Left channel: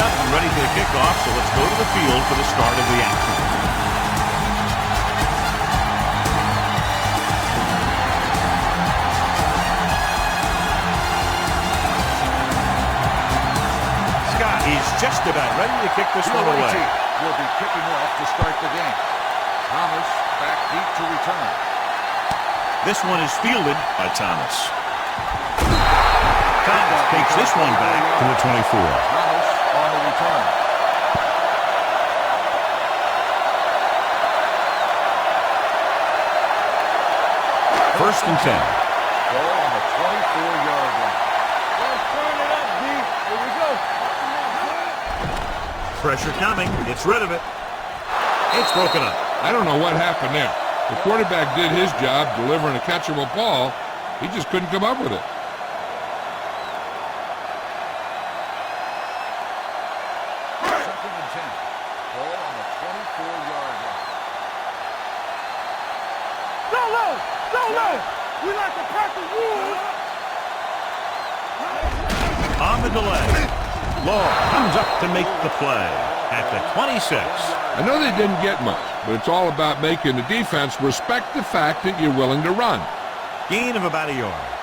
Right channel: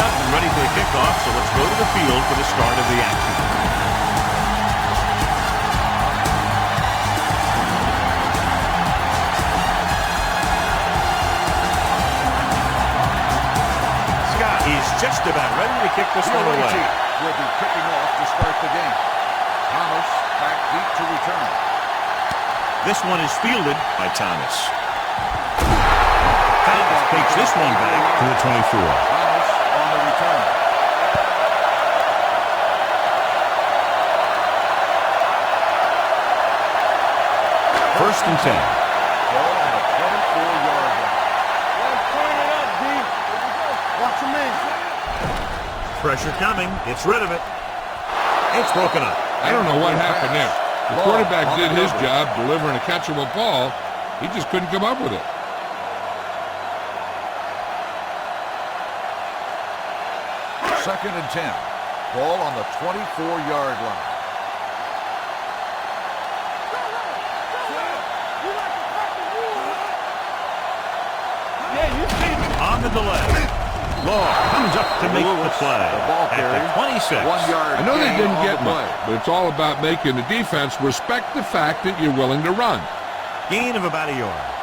lined up and ready for the kickoff, so let's go to the field for the start of the action. Scott, he's just about ready to kick this one away. Will be kicking off to start the game. Thomas back deep to return. This one is fielded by Thomas. Thomas takes this one back to the 24. Thomas on the return. First and 10. Ball on the 24-yard line. Let's turn it up, D. Here we go. Watch the man. Pressure coming. Gets rid of it. It's broken up. I don't know what happened there. The quarterback did his job delivering a catchable ball. He just couldn't come up with it. Second and 10. Ball on the 24-yard line. Go low. Go low. We like to crack the rules. On the delay. Law comes up to make the play at the 26. I know they didn't get much, but it's all about making the defense respect the fact that you're willing to run. Gain of about a yard.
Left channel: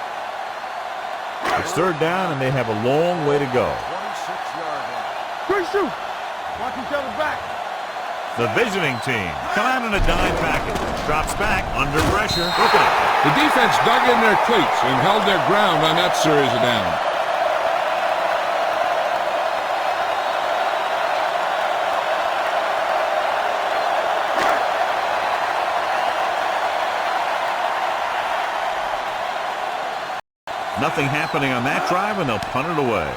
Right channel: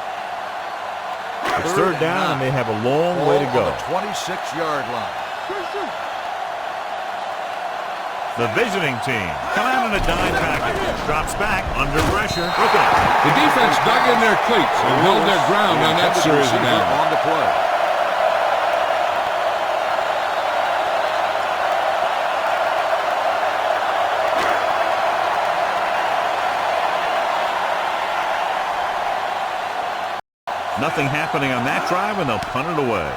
It's third down, and they have a long way to go. 26-yard line. Watch each other back. The visiting team come out in a dime package. Drops back under pressure. Broken up. The defense dug in their cleats and held their ground on that series of downs. On the play. Nothing happening on that drive, and they'll punt it away.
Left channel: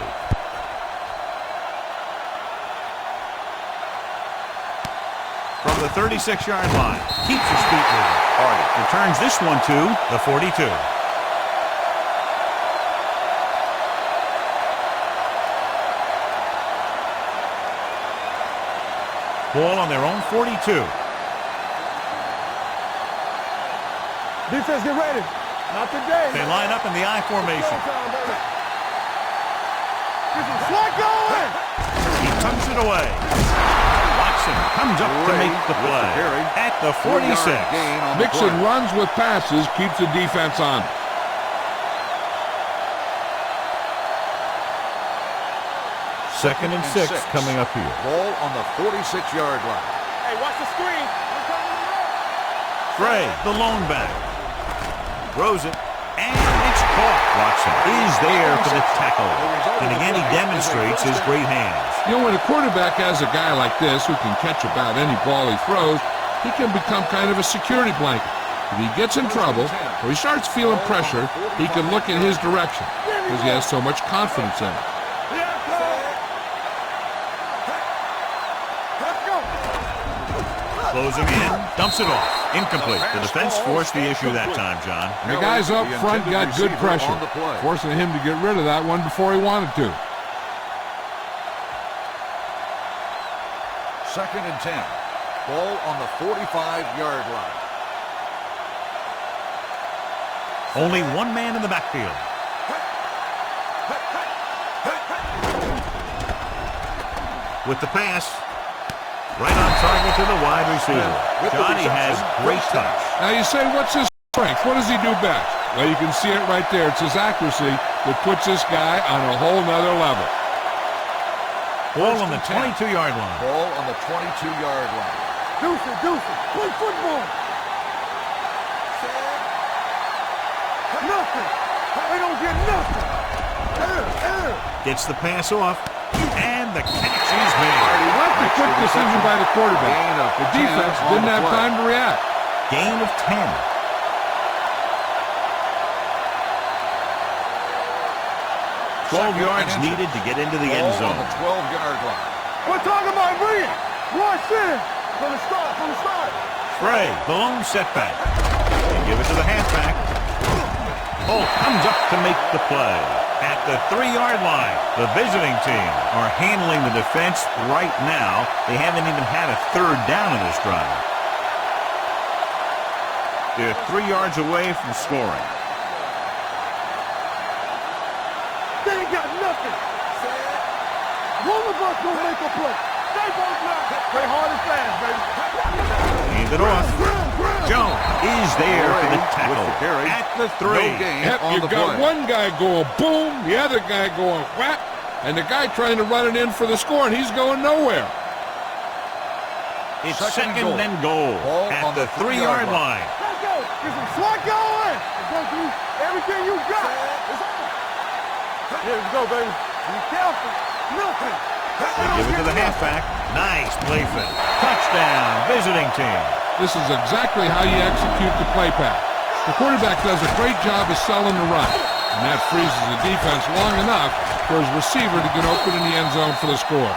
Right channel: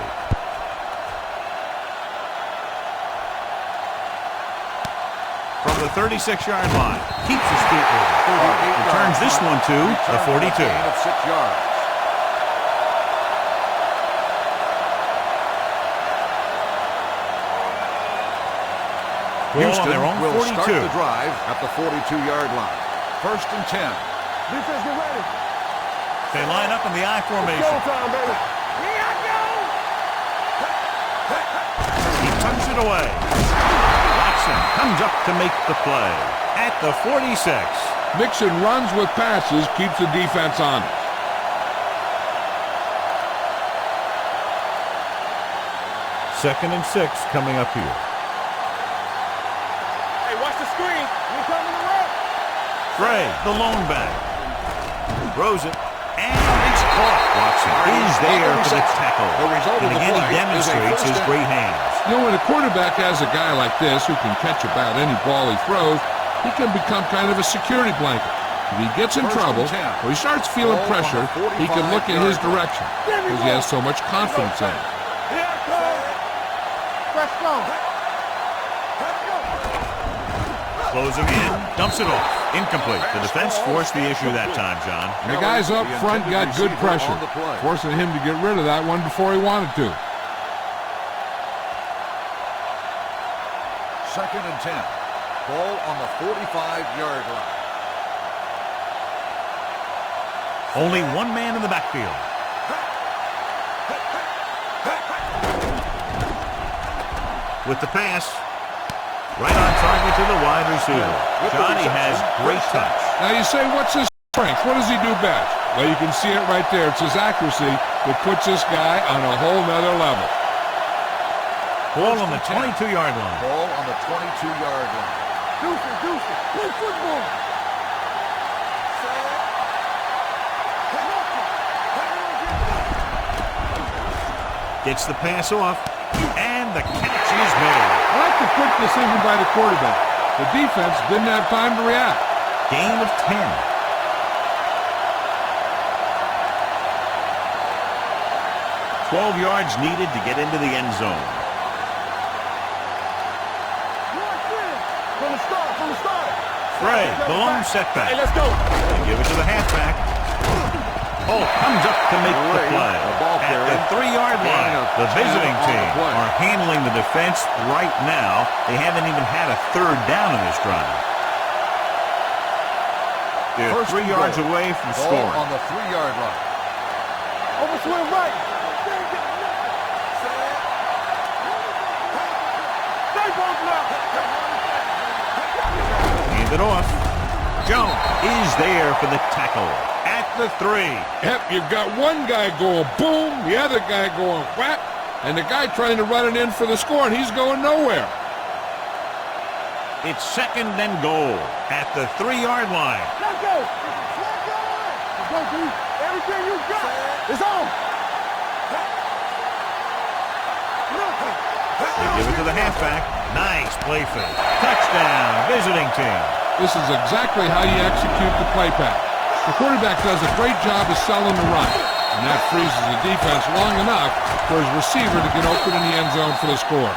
From the 36-yard line, keeps his feet moving. Hardy returns this one to the 42. Ball on their own 42. Start the drive at the 42-yard line. First and 10. Defense, get ready. Not today. They line up in the I formation. Showtime, baby. Here I go. This is what going. He tucks it away. Watson comes up to make the play at the 46. Mixing runs with passes keeps the defense honest. Second and 6 coming up here. Ball on the 46-yard line. Hey, watch the screen. We're coming to work. Gray, the lone back. Throws it, and it's caught. Watson is there for the tackle. And again, he demonstrates his great hands. You know, when a quarterback has a guy like this who can catch about any ball he throws, he can become kind of a security blanket. If he gets in trouble or he starts feeling pressure, he can look in his direction because he has so much confidence in him. Let's go. Let's go. Closing in, dumps it off. Incomplete. The defense forced the issue that time, John. And the guys up front got good pressure, forcing him to get rid of that one before he wanted to. Second and 10. Ball on the 45-yard line. Only one man in the backfield. With the pass, right on target to the wide receiver. Johnny has great touch. Now you say, what's his strength? What does he do best? Well, you can see it right there. It's his accuracy that puts this guy on a whole nother level. Ball on the 22-yard line. Ball on the 22-yard line. Deuce, play football. Nothing. They don't get nothing. Gets the pass off, and the catch is made. I like the quick decision by the quarterback. The defense didn't have time to react. Gain of 10. Yards needed to get into the end zone. 12-yard line. We're talking about bringing. Watch this. From the start. Frey, the lone setback. Hey, let's go. They give it to the halfback. Holt comes up to make the play. At the 3-yard line, the visiting team are handling the defense right now. They haven't even had a third down in this drive. They're 3 yards away from scoring. On the 3-yard line. Over to the right. They ain't got nothing. What about incomplete. Stay both left. Play hard and fast, baby. Hand it off. Jones is there for the tackle at the 3. Yep, you got one guy going boom, the other guy going whack, and the guy trying to run it in for the score, and he's going nowhere. It's second and goal at the 3-yard line. Let's go. Get some sweat going. Let's go, dude. Everything you got is on. Here we go, baby. Be careful. Look. They give it to the halfback. Nice play fake. Touchdown, visiting team. This is exactly how you execute the play pass. The quarterback does a great job of selling the run, and that freezes the defense long enough for his receiver to get open in the end zone for the score.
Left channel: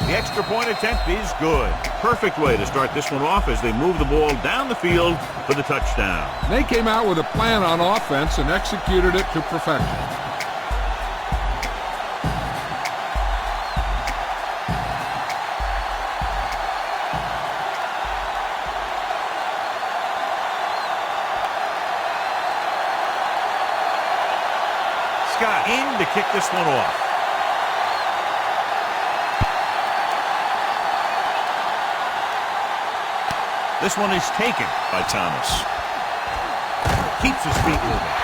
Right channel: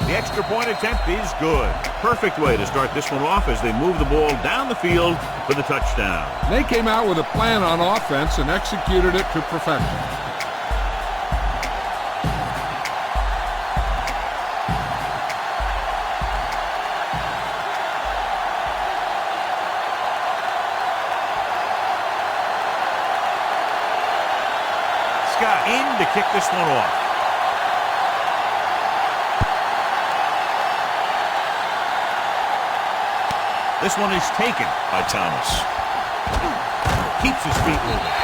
The extra point attempt is good. Perfect way to start this one off as they move the ball down the field for the touchdown. They came out with a plan on offense and executed it to perfection. Scott in to kick this one off. This one is taken by Thomas. Keeps his feet moving.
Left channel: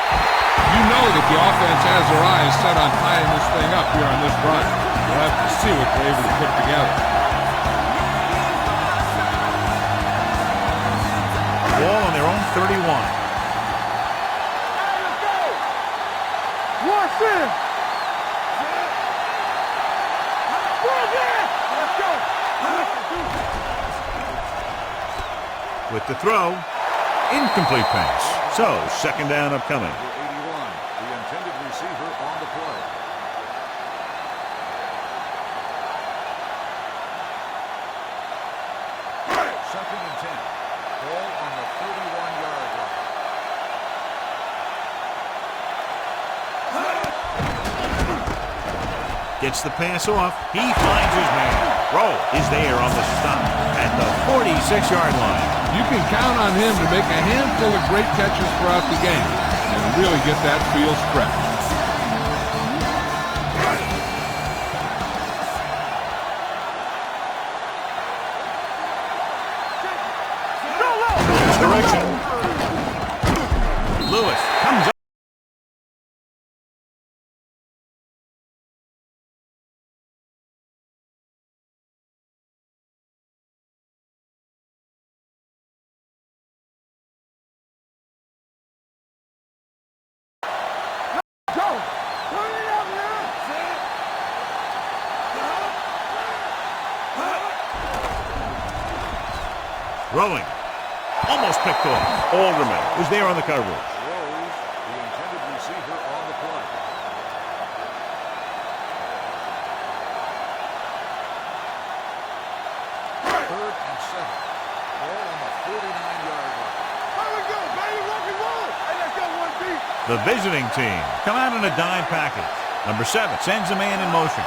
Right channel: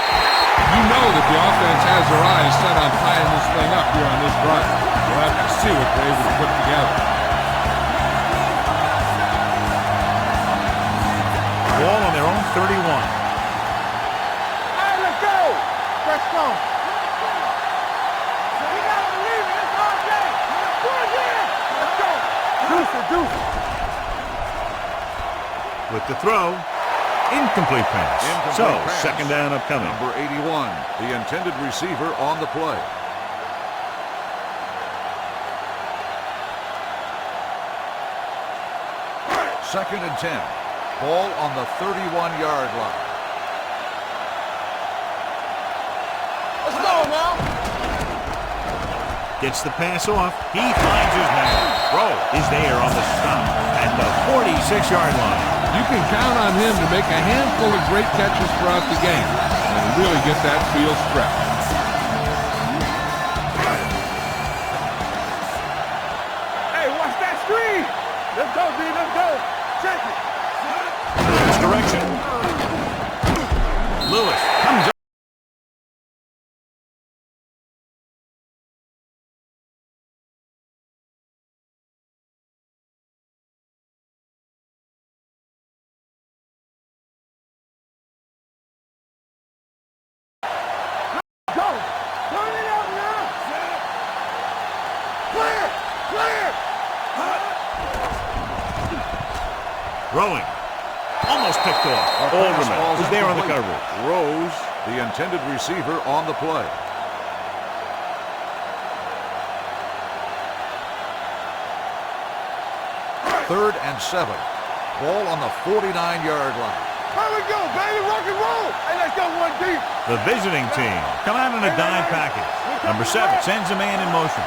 You know that the offense has their eyes set on tying this thing up here on this drive. We'll have to see what they're able to put together. Ball on their own 31. Hey, let's go. Let's go. One in. Let's go. Deuce it. With the throw, incomplete pass. So, second down upcoming. Number 81, the intended receiver on the play. Second and 10. Ball on the 31-yard line. Let's go now. Gets the pass off. He finds his man. Rowe is there on the stop at the 46-yard line. You can count on him to make a handful of great catches throughout the game and really get that field stretched. Hey, watch that screen. Let's go, D. Let's go. Check it. Direction. Lewis comes up. Go. Turn it up now. Clear. Rowing. Almost picked off. Alderman was there on the coverage. Rose, the intended receiver on the play. Third and 7. Ball on the 49-yard line. Here we go, baby. Rock and roll. Hey, let's go, 1D. The visiting team come out in a dime package. Number 7 sends a man in motion.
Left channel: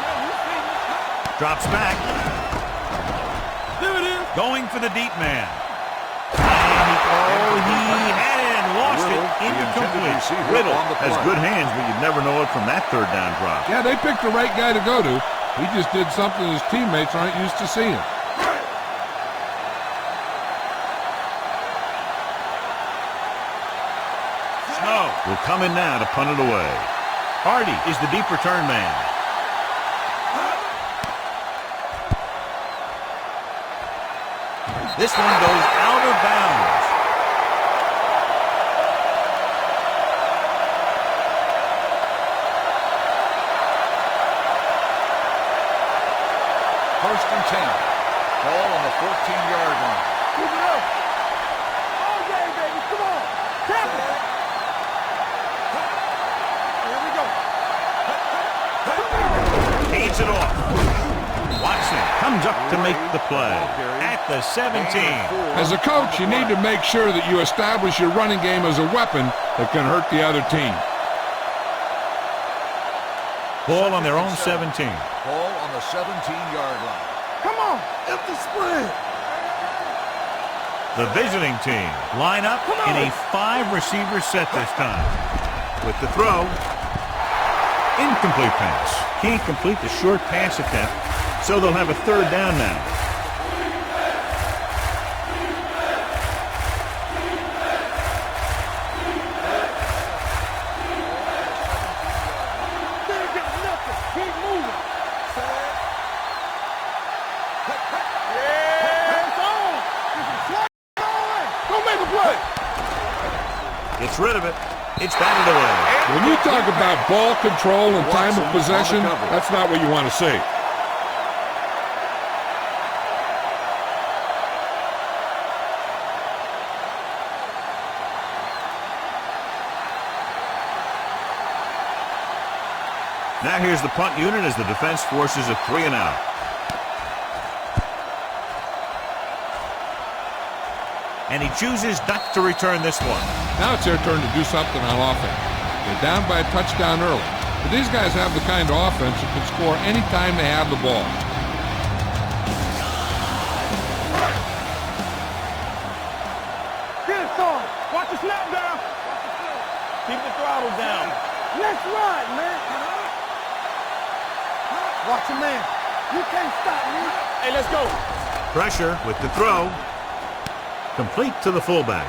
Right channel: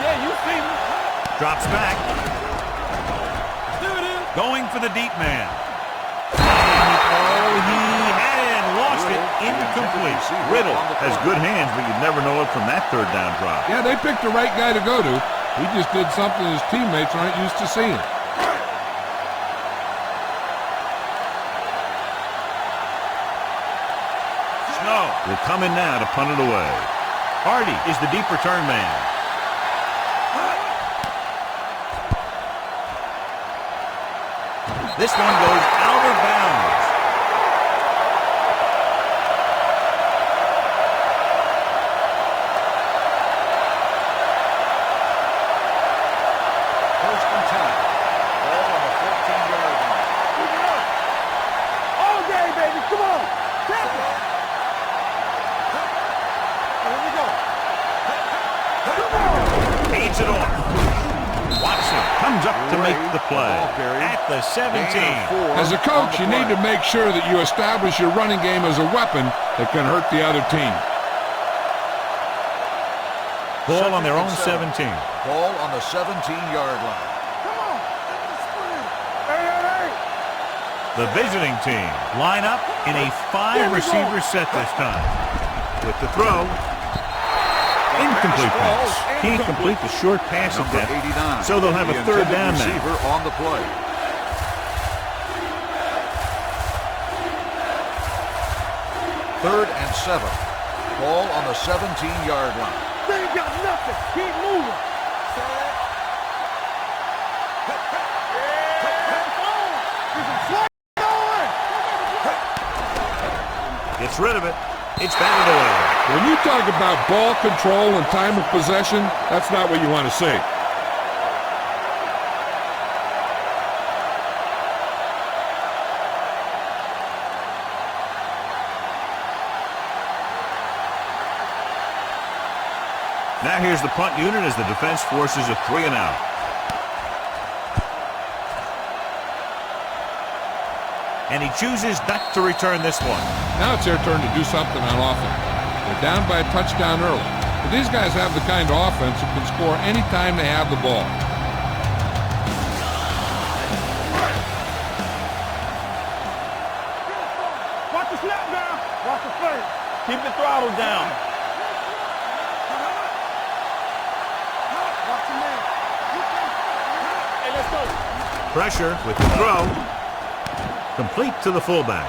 Yeah, you see me. Drops back. There it is. Going for the deep man. And he had it and lost it. Incomplete. Riddle has good hands, but you'd never know it from that third down drop. Yeah, they picked the right guy to go to. He just did something his teammates aren't used to seeing. Snow will come in now to punt it away. Hardy is the deep return man. This one goes out of bounds. First and 10. Ball on the 14-yard line. Keep it up. All day, baby. Come on. Tap it. Here we go. Come on. Hands it off. Watson comes up to make the play at the 17. As a coach, you need to make sure that you establish your running game as a weapon that can hurt the other team. Ball on their own 17. Ball on the 17-yard line. Come on, empty spread. Hey. The visiting team line up in a 5-receiver set this time. With the throw, incomplete pass. Can't complete the short pass attempt, so they'll have a third down now. On the play. Third and 7. Ball on the 17-yard line. They ain't got nothing. Keep moving. Yeah, it's on. Get some slack going. Go make a play. Gets rid of it. It's batted away. When you talk about ball control and time of possession, that's not what you want to see. Now here's the punt unit as the defense forces a 3-and-out. And he chooses not to return this one. Now it's their turn to do something on offense. They're down by a touchdown early. But these guys have the kind of offense that can score any time they have the ball. Get it, son. Watch the snap down. Watch the play. Keep the throttle down. Let's ride, man. Watch him, man. You can't stop me. Hey, let's go. Pressure with the throw. Complete to the fullback.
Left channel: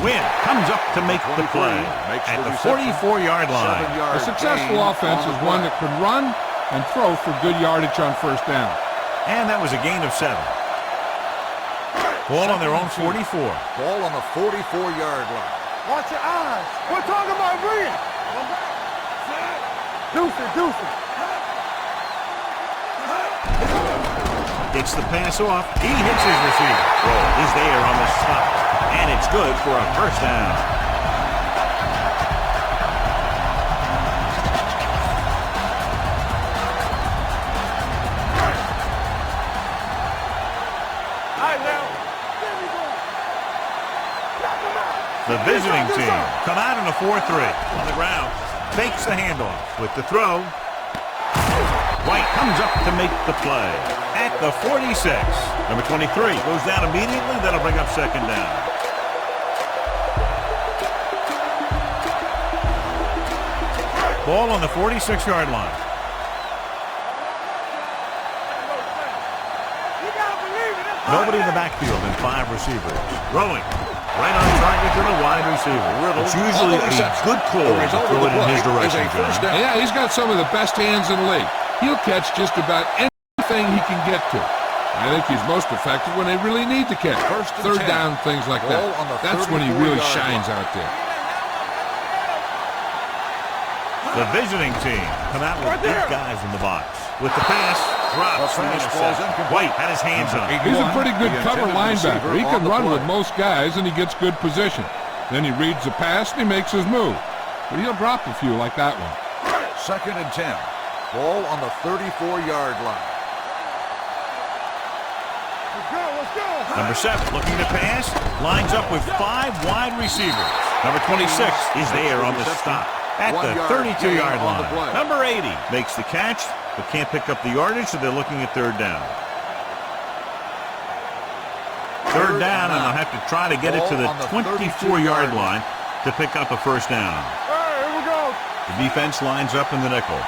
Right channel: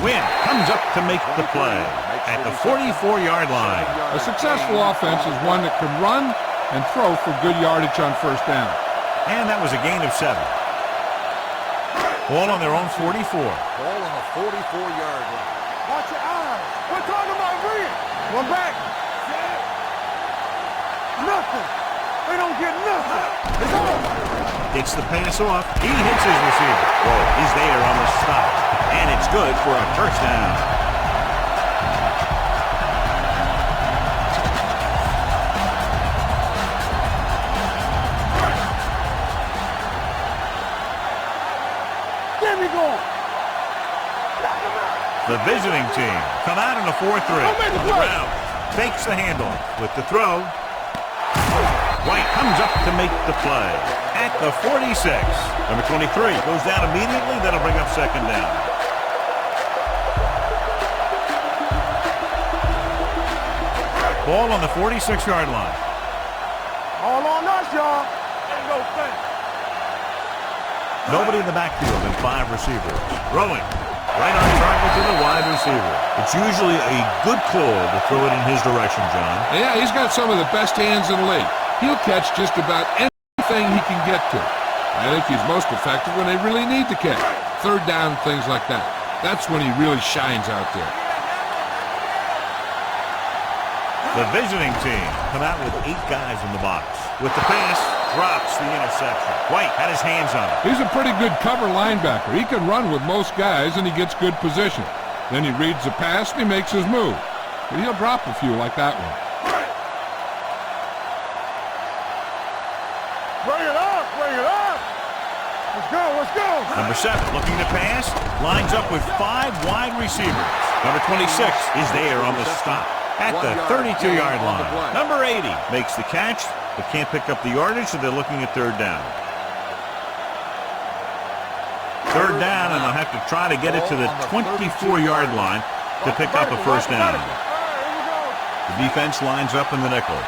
Wynn comes up to make the play at the 44-yard line. A successful offense is one that can run and throw for good yardage on first down. And that was a gain of 7. Ball on their own 44. Ball on the 44-yard line. Watch your eyes. We're talking about Green. One back. Set. Deuces. Nothing. We don't get nothing. It's on. It's the pass off. He hits his receiver. Roll is there on the stop. And it's good for a first down. All right, now. Get me going. Knock him out. The visiting team come out in a 4-3 on the ground. Fakes the handoff with the throw. White comes up to make the play at the 46. Number 23 goes down immediately. That'll bring up second down. Ball on the 46-yard line. All on us, y'all. Ain't no thing. You gotta believe it. Nobody in the backfield and 5 receivers. Throwing right on target to the wide receiver. It's usually a good call to throw it in his direction, John. Yeah, he's got some of the best hands in the league. He'll catch just about anything he can get to. I think he's most effective when they really need to catch. Third down, things like that. That's when he really shines out there. The visiting team come out with 8 guys in the box. With the pass, drops the interception. White had his hands on it. He's a pretty good cover linebacker. He can run with most guys, and he gets good position. Then he reads the pass, and he makes his move. But he'll drop a few like that one. Second and 10. Ball on the 34-yard line. Bring it up. Let's go. Number 7 looking to pass. Lines up with 5 wide receivers. Number 26 is there on the stop at the 32-yard line. Number 80 makes the catch, but can't pick up the yardage, so they're looking at third down. Third down, and they'll have to try to get it to the 24-yard line to pick up a first down. All right, here we go. The defense lines up in the nickel.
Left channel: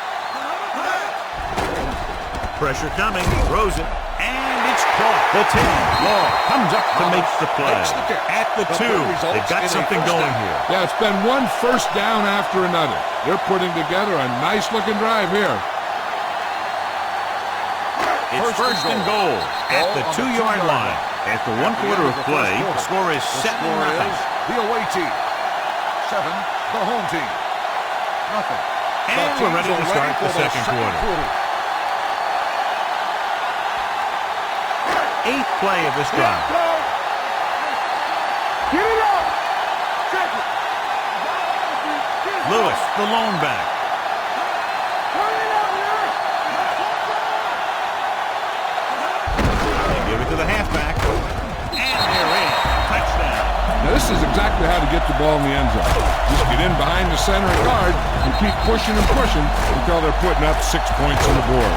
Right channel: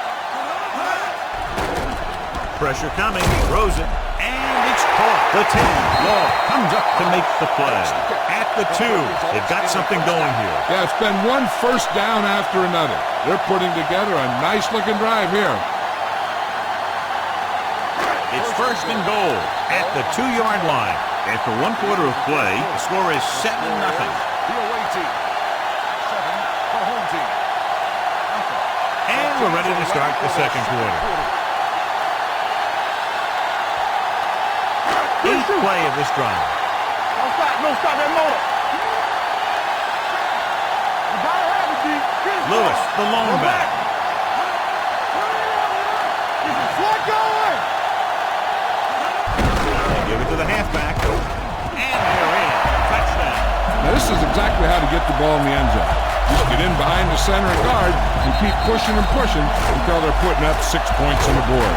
Pressure coming, throws it, and it's caught. The 10, Law comes up to make the play. At the 2, they've got something going here. Yeah, it's been one first down after another. They're putting together a nice-looking drive here. It's first and goal at the 2-yard line. After 1 quarter of play, the score is 7-0. The away team. 7, the home team. Nothing. And we're ready to start the second quarter. 8th play of this drive. Don't stop that motor. Get it up. Check it. You gotta have it, D. Get it Lewis, up. the lone back. Turn it up, man. Get some slack going. to the halfback. And they're in. Touchdown. Now, this is exactly how to get the ball in the end zone. Just get in behind the center and guard and keep pushing and pushing until they're putting up 6 points on the board.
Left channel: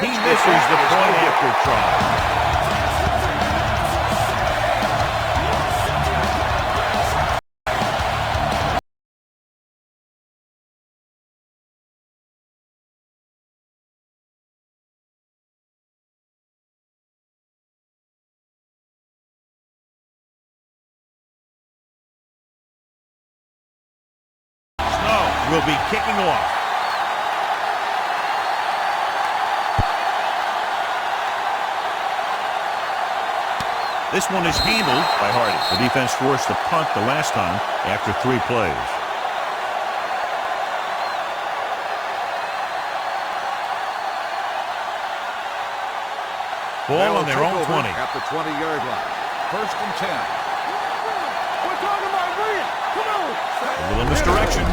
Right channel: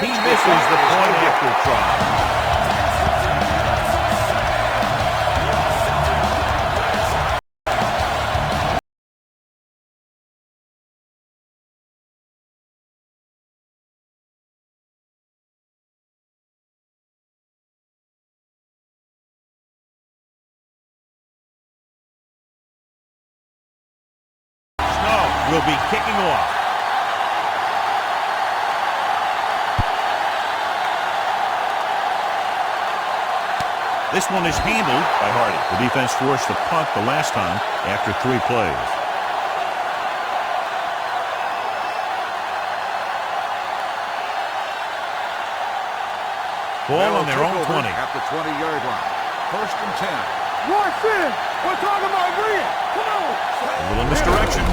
He misses the point after try. Snow will be kicking off. This one is handled by Hardy. The defense forced the punt the last time after 3 plays. Ball on their own 20. At the 20-yard line. 1st and 10. Watch this. We're talking about green. Come on. A little misdirection.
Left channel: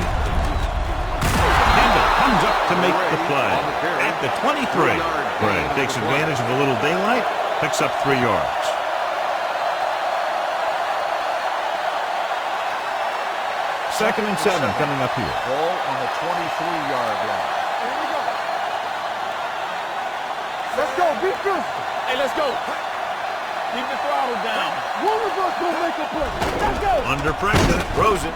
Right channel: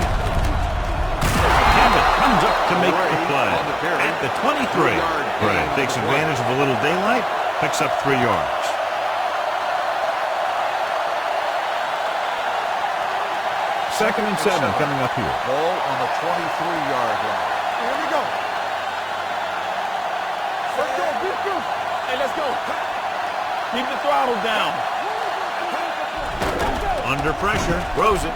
Campbell comes up to make the play at the 23. Gray takes advantage of a little daylight, picks up 3 yards. Second and 7 coming up here. Ball on the 23-yard line. Here we go. Let's go. Be physical. Hey, let's go. Keep the throttle down. One of us will make a play. Let's go. Under pressure, throws it.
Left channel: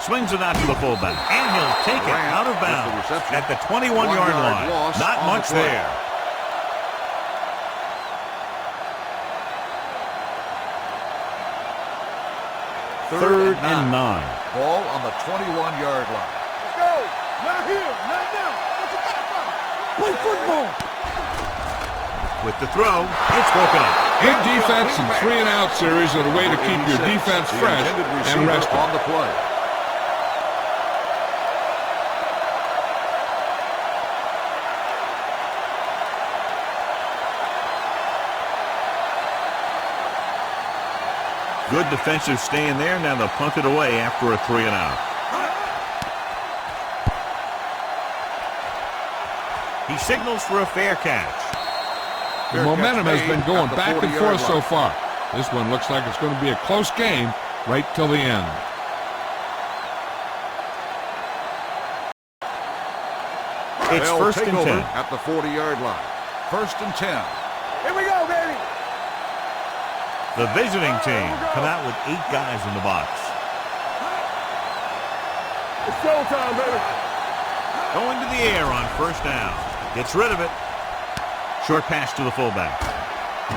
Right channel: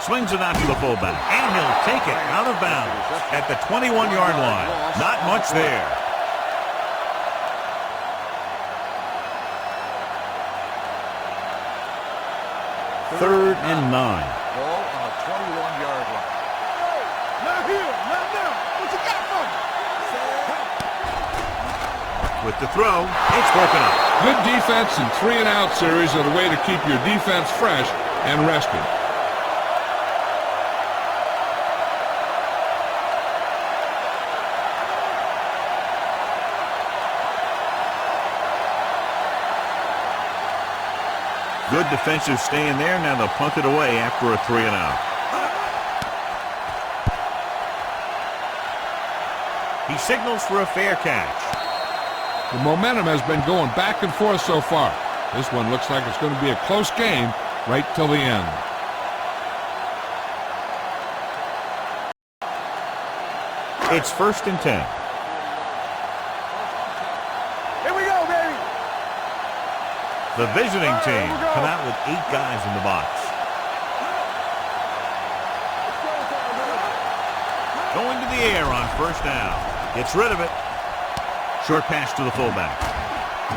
Swings it out to the fullback. And he'll take it out of bounds at the 21-yard line. Not much there. Third and 9. Ball on the 21-yard line. Let's go. Not here. Not now. What you got for me? Play football. With the throw, it's broken up. Good defense and 3-and-out series are the way to keep your defense fresh and rested. On the play. Good defensive stand there. Now they'll punt it away after a 3-and-out. He signals for a fair catch. The momentum has been going back and forth so far. This one looks like it's going to be a close game right till the end. It's 1st and 10. At the 40-yard line. 1st and 10. Here we go, baby. The visiting team come out with 8 guys in the box. It's showtime, baby. Going to the air on 1st down. Gets rid of it. Short pass to the fullback.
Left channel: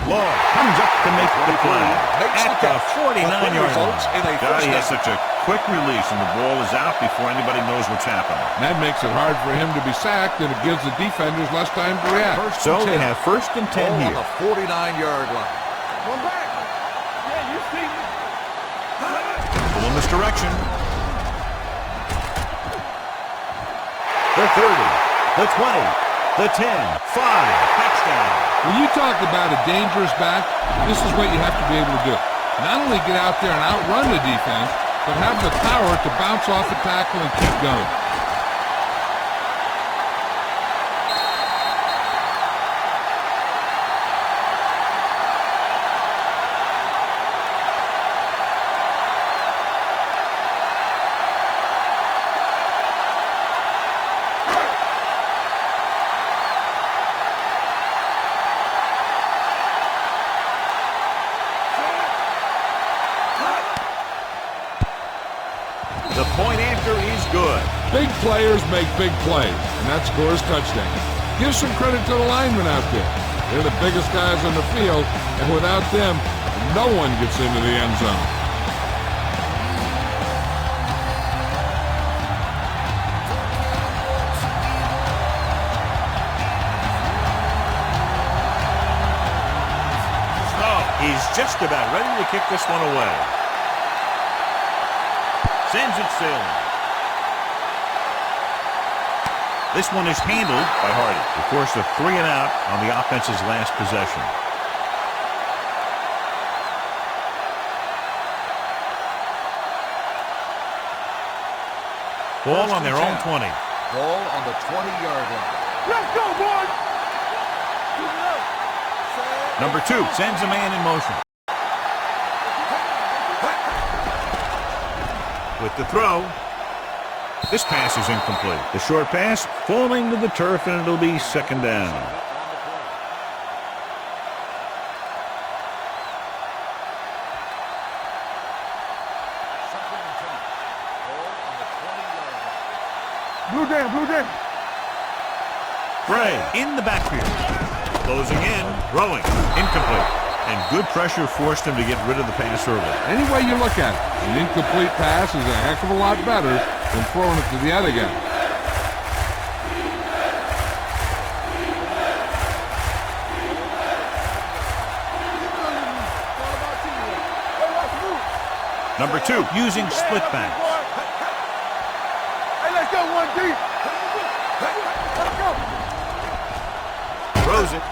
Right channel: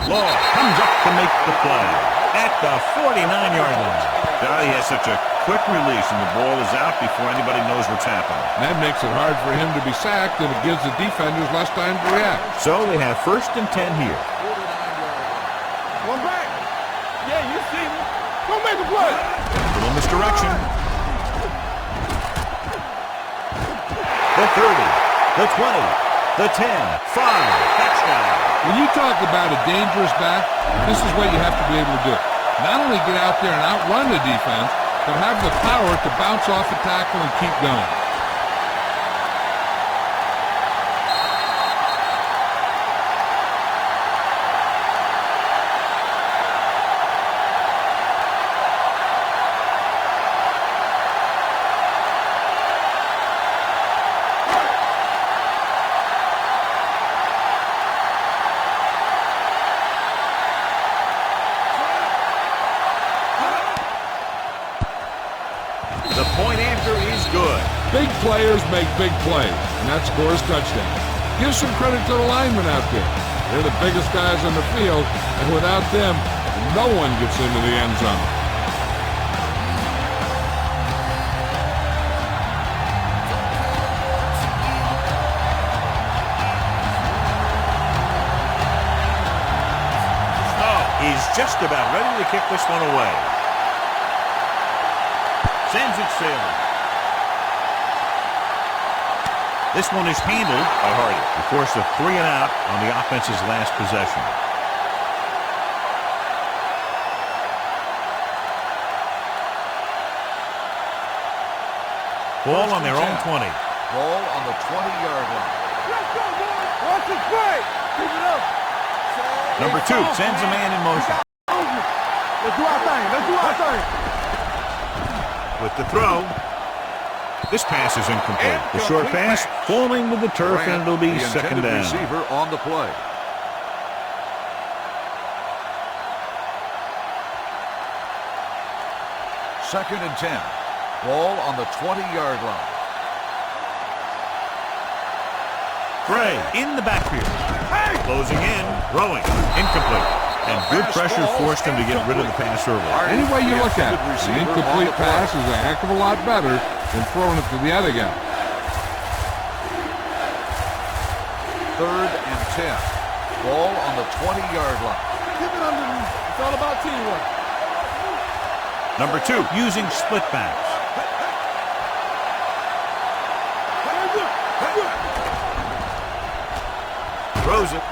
Law comes up to make the play at the 49-yard line. He has such a quick release, and the ball is out before anybody knows what's happening. That makes it hard for him to be sacked, and it gives the defenders less time to react. So they have 1st and 10 here. The 49-yard line. One back. Yeah, you see me. Go make a play. Little misdirection. The 30, the 20, the 10, 5, touchdown. When you talk about a dangerous back, this is what you have to be able to do. Not only get out there and outrun the defense, but have the power to bounce off a tackle and keep going. The point after is good. Big players make big plays, and that scores touchdowns. Give some credit to the linemen out there. They're the biggest guys on the field, and without them, no one gets into the end zone. Snow is just about ready to kick this one away. Sends it sailing. This one is handled by Hardy. He forced a 3 and out on the offense's last possession. Ball on their own 20. Ball on the 20-yard line. Let's go, boys. Watch this play. Keep it up. Number 2 sends a man in motion. Let's do our thing. Let's do our thing. With the throw. This pass is incomplete. The short pass falling to the turf, and it'll be second down. Receiver on the play. Second and 10. Ball on the 20-yard line. Blue down, blue down. Bray in the backfield. Closing in, throwing, incomplete. And good pressure forced him to get rid of the pass early. Any way you look at it, an incomplete pass is a heck of a lot better than throwing it to the other guy. Third and 10. Ball on the 20-yard line. Keep it underneath. It's all about teamwork. Hey, watch the move. Number 2 using split backs. Hey, let's go, 1D. Hey, look. Let's go. Throws it.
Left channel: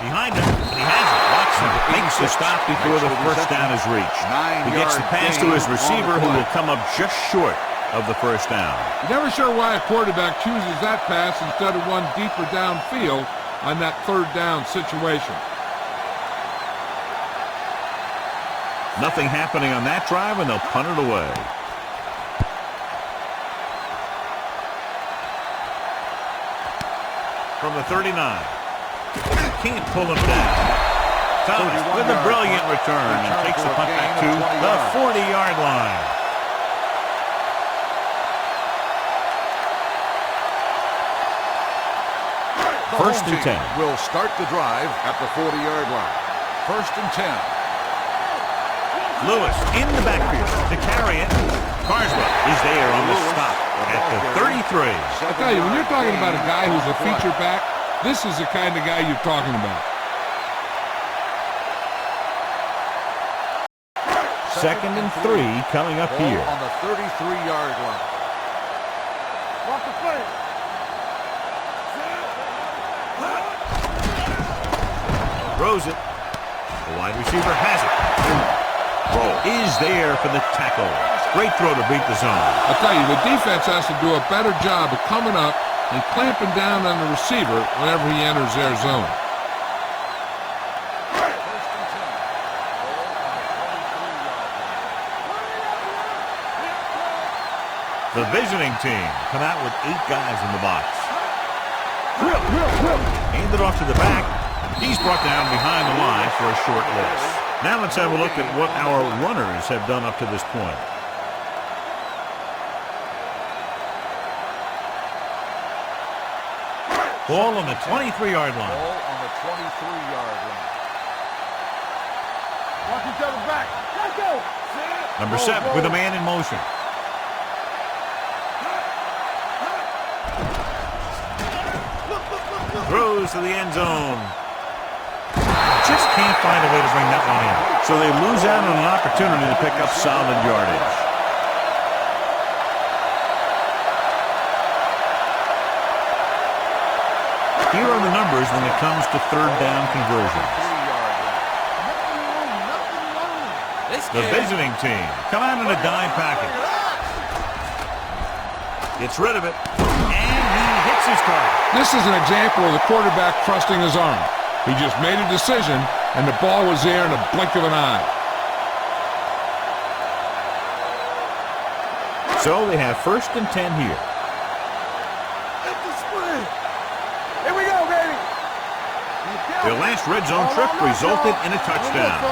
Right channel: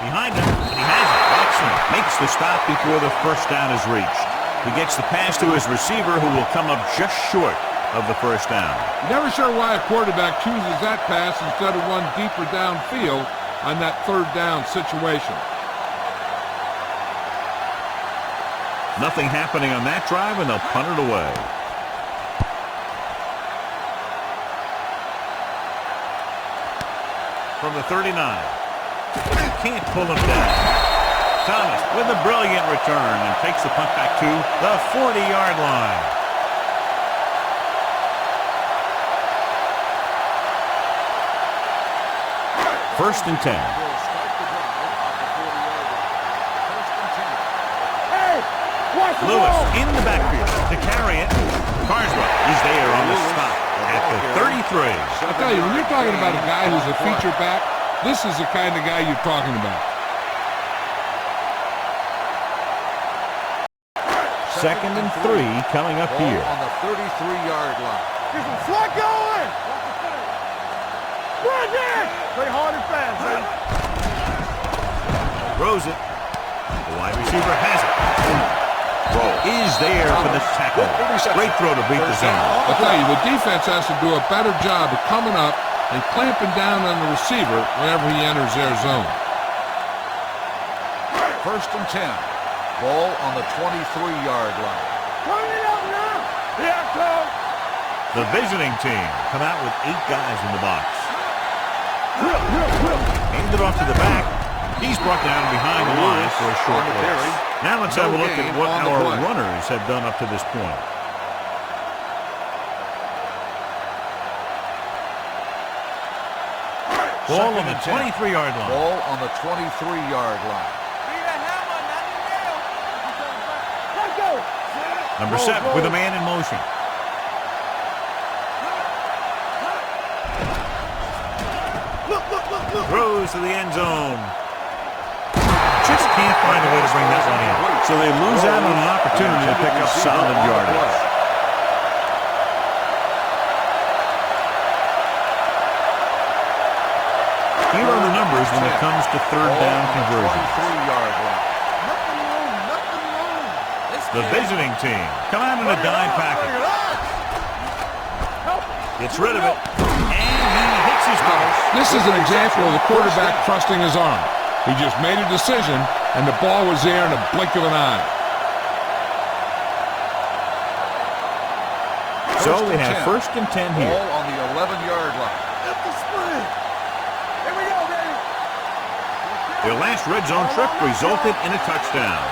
Behind him, and he has it. Watson makes the stop before the first down is reached. He gets the pass to his receiver, who will come up just short of the first down. Never sure why a quarterback chooses that pass instead of one deeper downfield on that third down situation. Nothing happening on that drive, and they'll punt it away. From the 39. Can't pull him down. Thomas with a brilliant return and takes the punt back to the 40-yard line. First and 10. Will start the drive at the 40-yard line. First and 10. Hey, watch the Lewis ball. in the backfield to carry it. Carswell is there on the stop at the 33. I tell you, when you're talking about a guy who's a feature back, this is the kind of guy you're talking about. Second and 3 coming up Ball here. on the 33-yard line. Get some slack going. Watch the play. Run there. Play hard and fast. Throws it. The wide receiver has it. Roll is there for the tackle. Great throw to beat the zone. I tell you, the defense has to do a better job of coming up and clamping down on the receiver whenever he enters their zone. First and 10. Ball on the 23-yard line. Run it up now. Here it comes. The visiting team come out with 8 guys in the box. Hand it off to the back. He's brought down behind the line for a short loss. Now let's have a look at what our runners have done up to this point. Ball on the 23-yard line. Ball on the 23-yard line. Watch each other back. Let's go. Number 7 with a man in motion. Throws to the end zone. Just can't find a way to bring that one in. So they lose out on an opportunity to pick up solid yardage. Here are the numbers when it comes to third down conversions. 23-yard line. Nothing wrong. Nothing wrong. The visiting team come out in a dime package. Gets rid of it, and he hits his target. This is an example of the quarterback trusting his arm. He just made a decision, and the ball was there in a blink of an eye. So they have first and 10 here. Ball on the 11-yard line. Empty spread. Here we go, baby. Their last red zone trip resulted in a touchdown.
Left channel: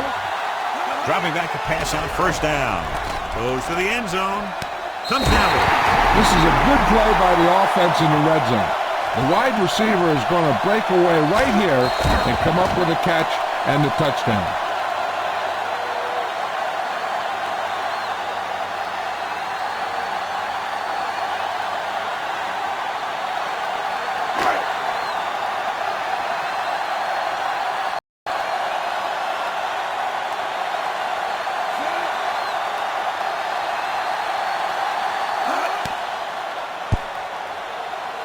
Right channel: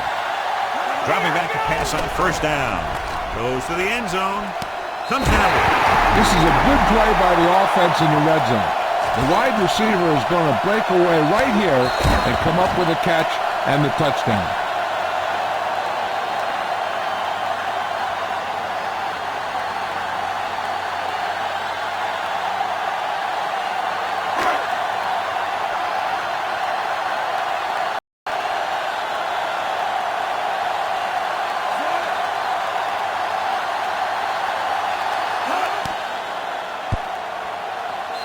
Dropping back to pass on first down. Goes to the end zone. Comes down with it. This is a good play by the offense in the red zone. The wide receiver is going to break away right here and come up with a catch and the touchdown.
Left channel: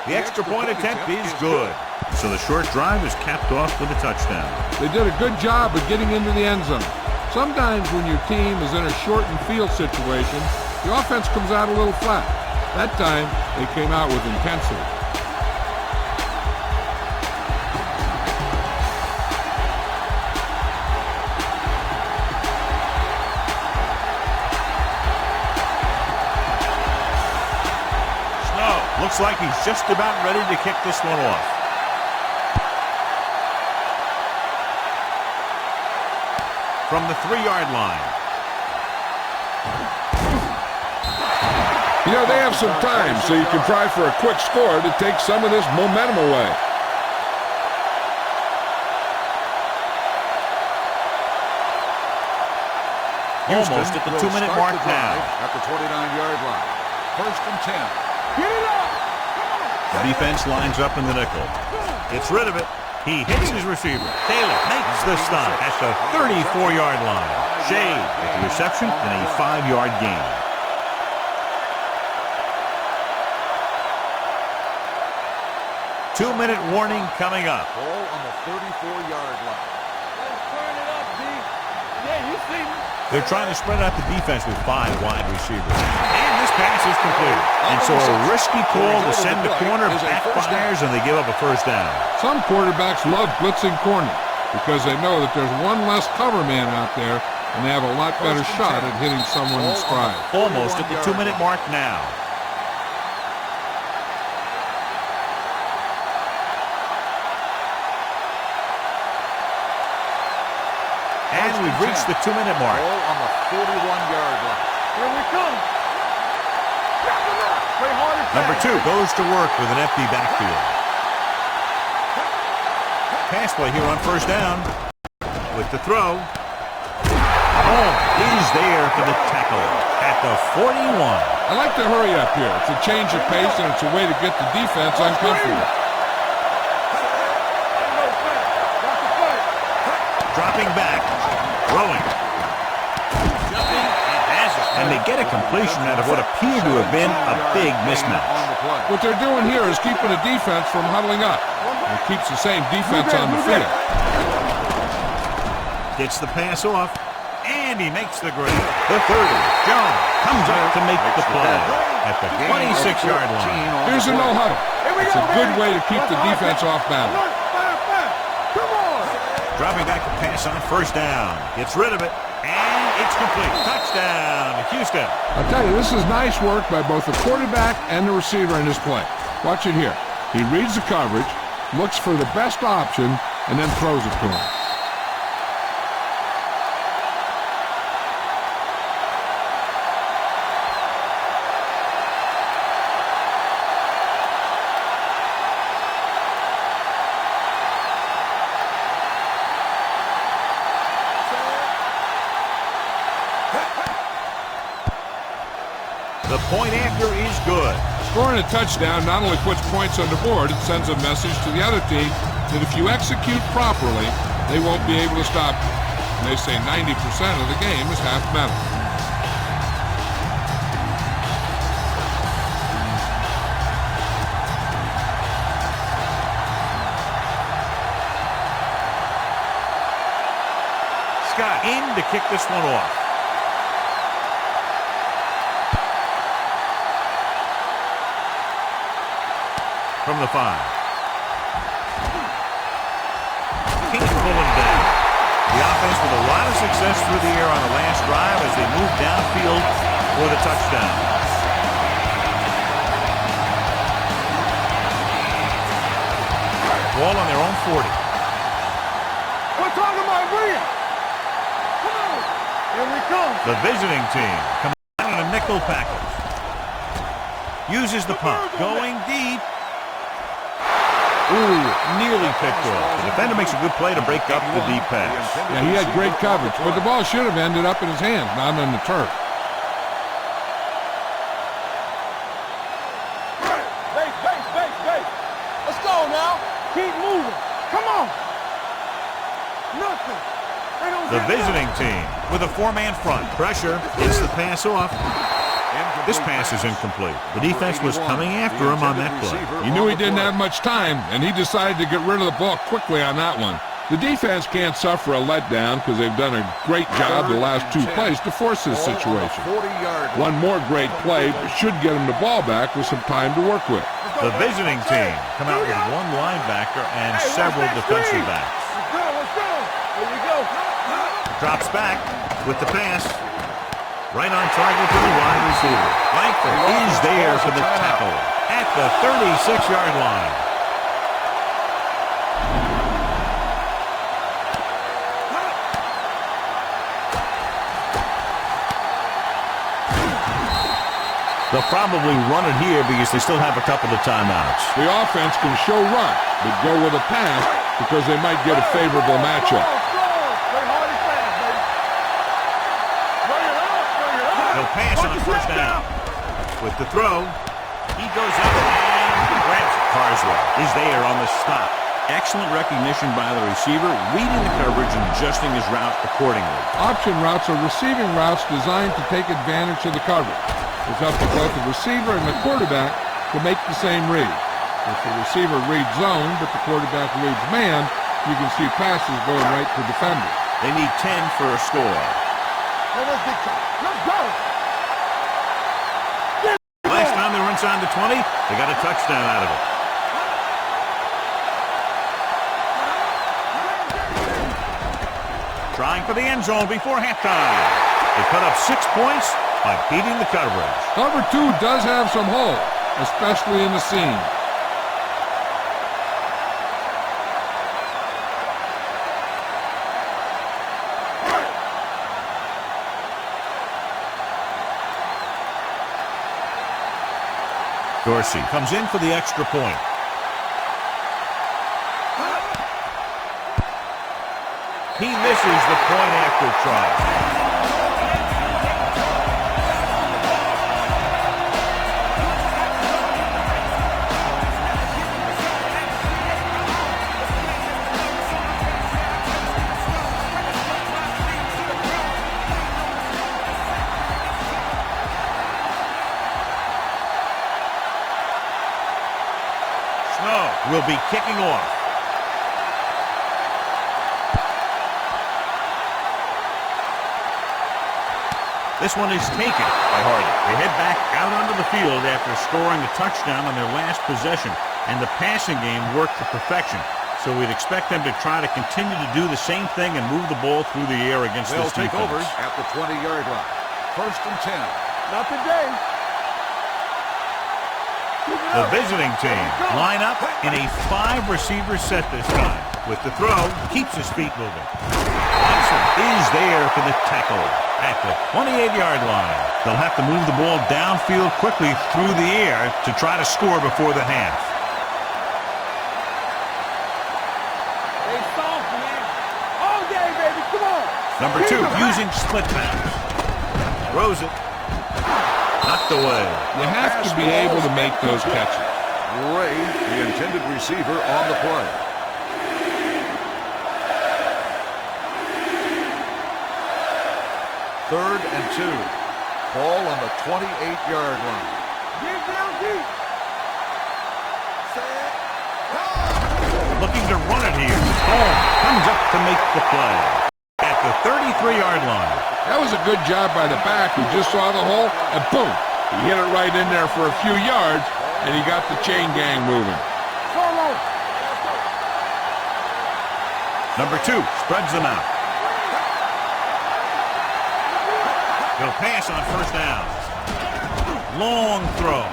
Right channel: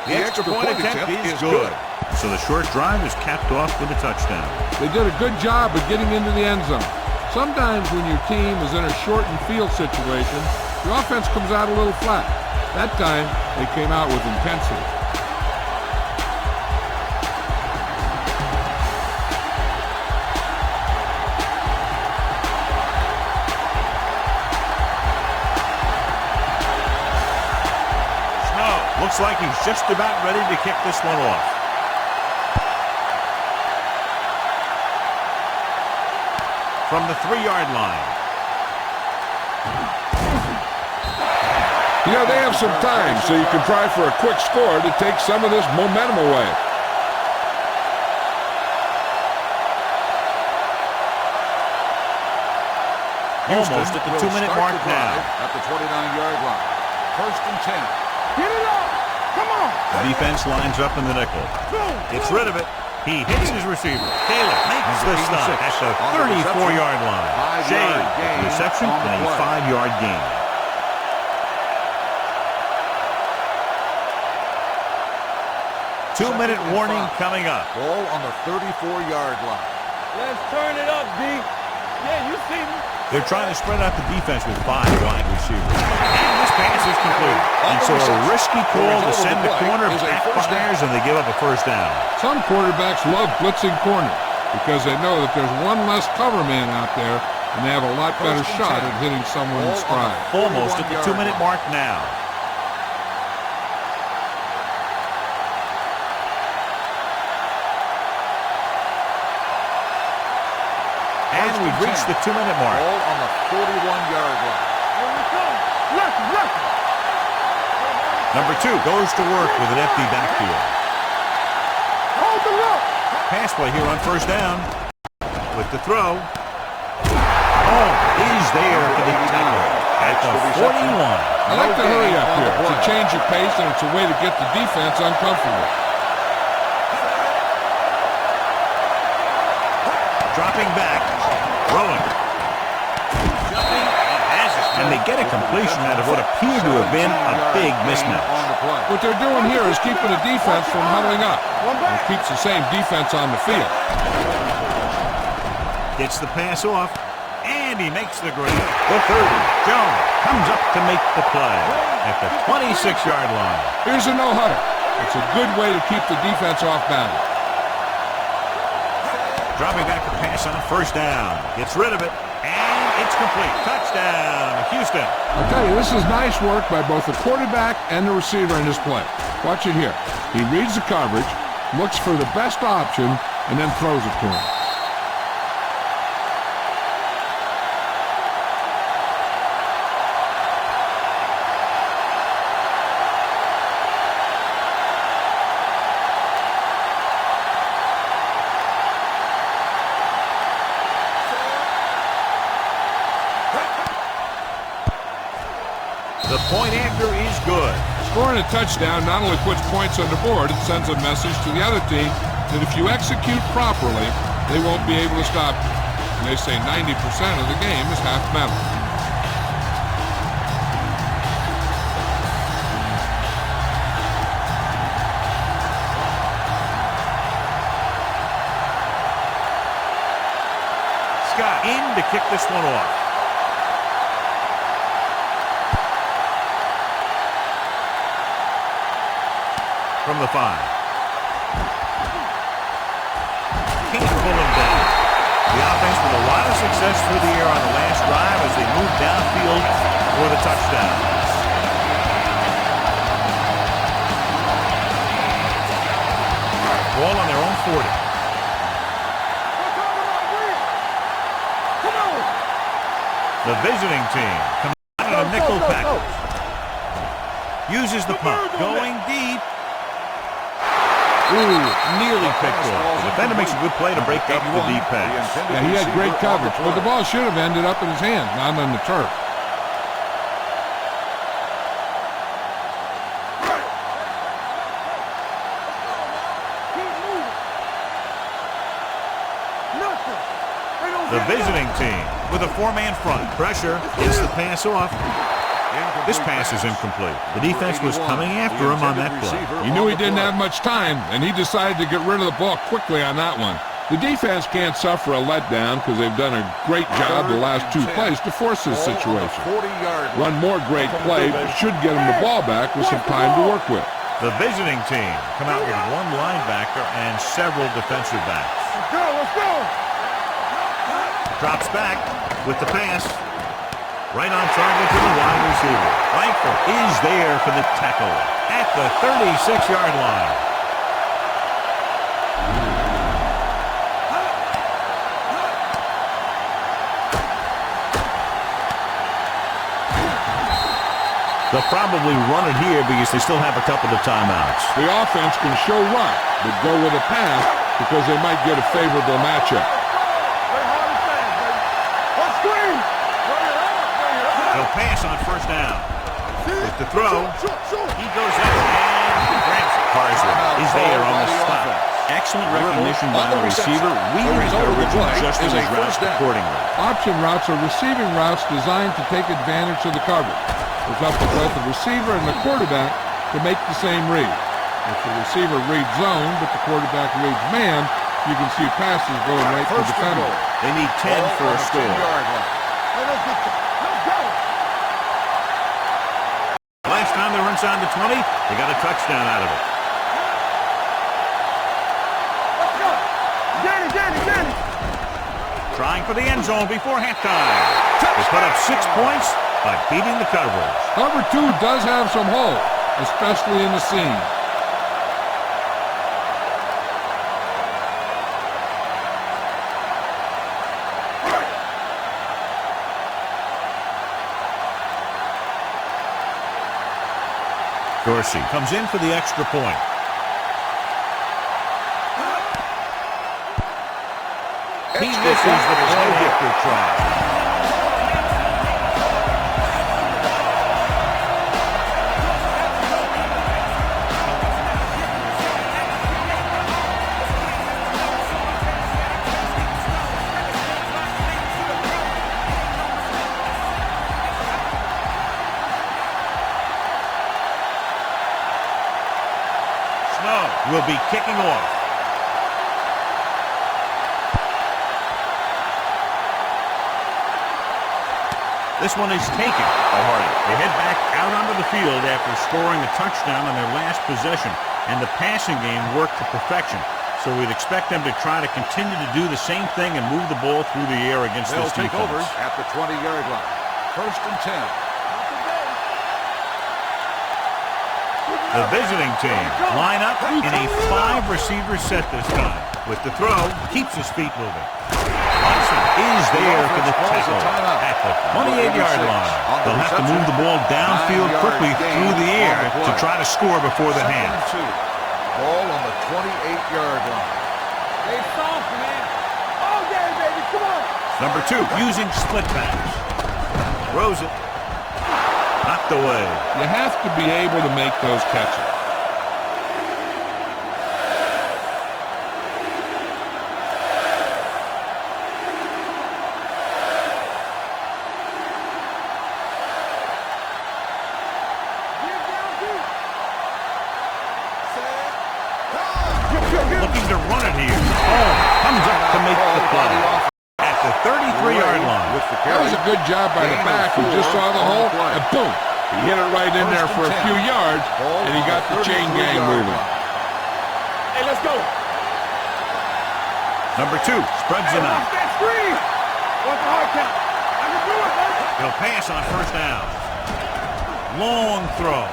The extra point attempt is good. So the short drive is capped off with a touchdown. They did a good job of getting into the end zone. Sometimes when your team is in a shortened field situation, the offense comes out a little flat. That time, they came out with intensity. Looks like he's just about ready to kick this one off. From the 3-yard line. You know, they have some time, so you can try for a quick score to take some of this momentum away. Almost at the 2-minute mark now. At the 29-yard line. 1st and 10. Get it up! Come on! The defense lines up in the nickel. Gets rid of it. He hits his receiver. Taylor makes the stop at the 34-yard line. Shade with the reception and a 5-yard gain. Two-minute warning coming up. Ball on the 34-yard line. Let's turn it up, D. Yeah, you see me. They're trying to spread out the defense with 5 wide receivers. And this pass is complete. And so a risky call to send the corner backfires and they give up a first down. Some quarterbacks love blitzing corner because they know that there's one less cover man out there and they have a lot better shot at hitting someone in stride. Almost at the 2-minute mark now. And we've reached the 2-minute mark. Ball on the 41-yard line. Here we come. Left. Number 2 goes to work with an empty backfield. Hold the look. Pass play here on first down. With the throw. Is there for the tackle at the 41. I like to hurry up here. It's a change of pace and it's a way to get the defense uncomfortable. Dropping back, throwing, jumping, and has it. And they get a completion out of what appeared to have been a big mismatch. What they're doing here is keeping the defense from huddling up. And it keeps the same defense on the field. Gets the pass off, and he makes the grab. The 30, Jones comes up to make the play at the 26-yard line. Here's a no huddle. It's a good way to keep the defense off balance. Dropping back to pass on first down. Gets rid of it, and it's complete. Touchdown, Houston. I'll tell you, this is nice work by both the quarterback and the receiver in this play. Watch it here. He reads the coverage, looks for the best option, and then throws it to him. The point after is good. Scoring a touchdown not only puts points on the board, it sends a message to the other team that if you execute properly, they won't be able to stop you. And they say 90% of the game is half mental. Scott in to kick this one off. From the 5. Can't pull him down. The offense with a lot of success through the air on the last drive as they move downfield for the touchdown. Ball on their own 40. We're talking about green. Come on. Here we come. The visiting team comes out in a nickel package. Uses the pump. Going deep. Nearly picked off. The defender makes a good play to break up the deep pass. Yeah, he had great coverage, but the ball should have ended up in his hands, not on the turf. Base. Let's go now. Keep moving. Come on. Nothing. The visiting team with a 4-man front. Pressure gets the pass off. This pass is incomplete. The defense was coming after him on that play. He knew he didn't have much time, and he decided to get rid of the ball quickly on that one. The defense can't suffer a letdown because they've done a great job the last two plays to force this situation. One more great play should get him the ball back with some time to work with. The visiting team come out with one linebacker and several defensive backs. Let's go, let's go. Here we go. Drops back with the pass. Right on target to the wide receiver. Langford is there for the tackle at the 36-yard line. They'll probably run it here because they still have a couple of timeouts. The offense can show run, but go with a pass because they might get a favorable matchup. Play hard and fast, baby. Let's screen. Bring it up, bring it up. They'll pass on first down. With the throw, he goes up and grabs it. Carswell is there on the stop. Excellent recognition by the receiver, reading the coverage and adjusting his routes accordingly. Option routes are receiving routes designed to take advantage of the coverage. It's up to both the receiver and the quarterback to make the same read. If the receiver reads zone, but the quarterback reads man, you can see passes going right to defenders. They need 10 for a score. Let's go. Last time they were inside the 20, they got a touchdown out of it. Get it. Trying for the end zone before halftime. They put up 6 points by beating the coverage. Cover 2 does have some hole, especially in the seam. Dorsey comes in for the extra point. He misses the point after try. Snow will be kicking off. This one is taken by Hardy. They head back out onto the field after scoring a touchdown on their last possession, and the passing game worked to perfection. So we'd expect them to try to continue to do the same thing and move the ball through the air against this defense. They'll take over at the 20-yard line. 1st and 10. Not today. The visiting team line up in a 5-receiver set this time. With the throw, keeps his feet moving. Watson is there for the tackle at the 28-yard line. They'll have to move the ball downfield quickly through the air to try to score before the half. Ball on the 28-yard line. Stay soft, man. All day, baby. Come on. Number 2, using split pass. Throws it. Knocked away. You have to be able to make those catches. Ray, the intended receiver, on the play. Third and 2. Ball on the 28-yard line. Get down deep. Set. Looking to run it here. Home comes up to make the play at the 33-yard line. That was a good job by the back who just saw the hole, and boom, he hit it right in there for a few yards, and he got the chain gang moving. Hey, let's go. Number 2 spreads them out. What's the hard count? I can do it, man. They'll pass on first down. Long throw.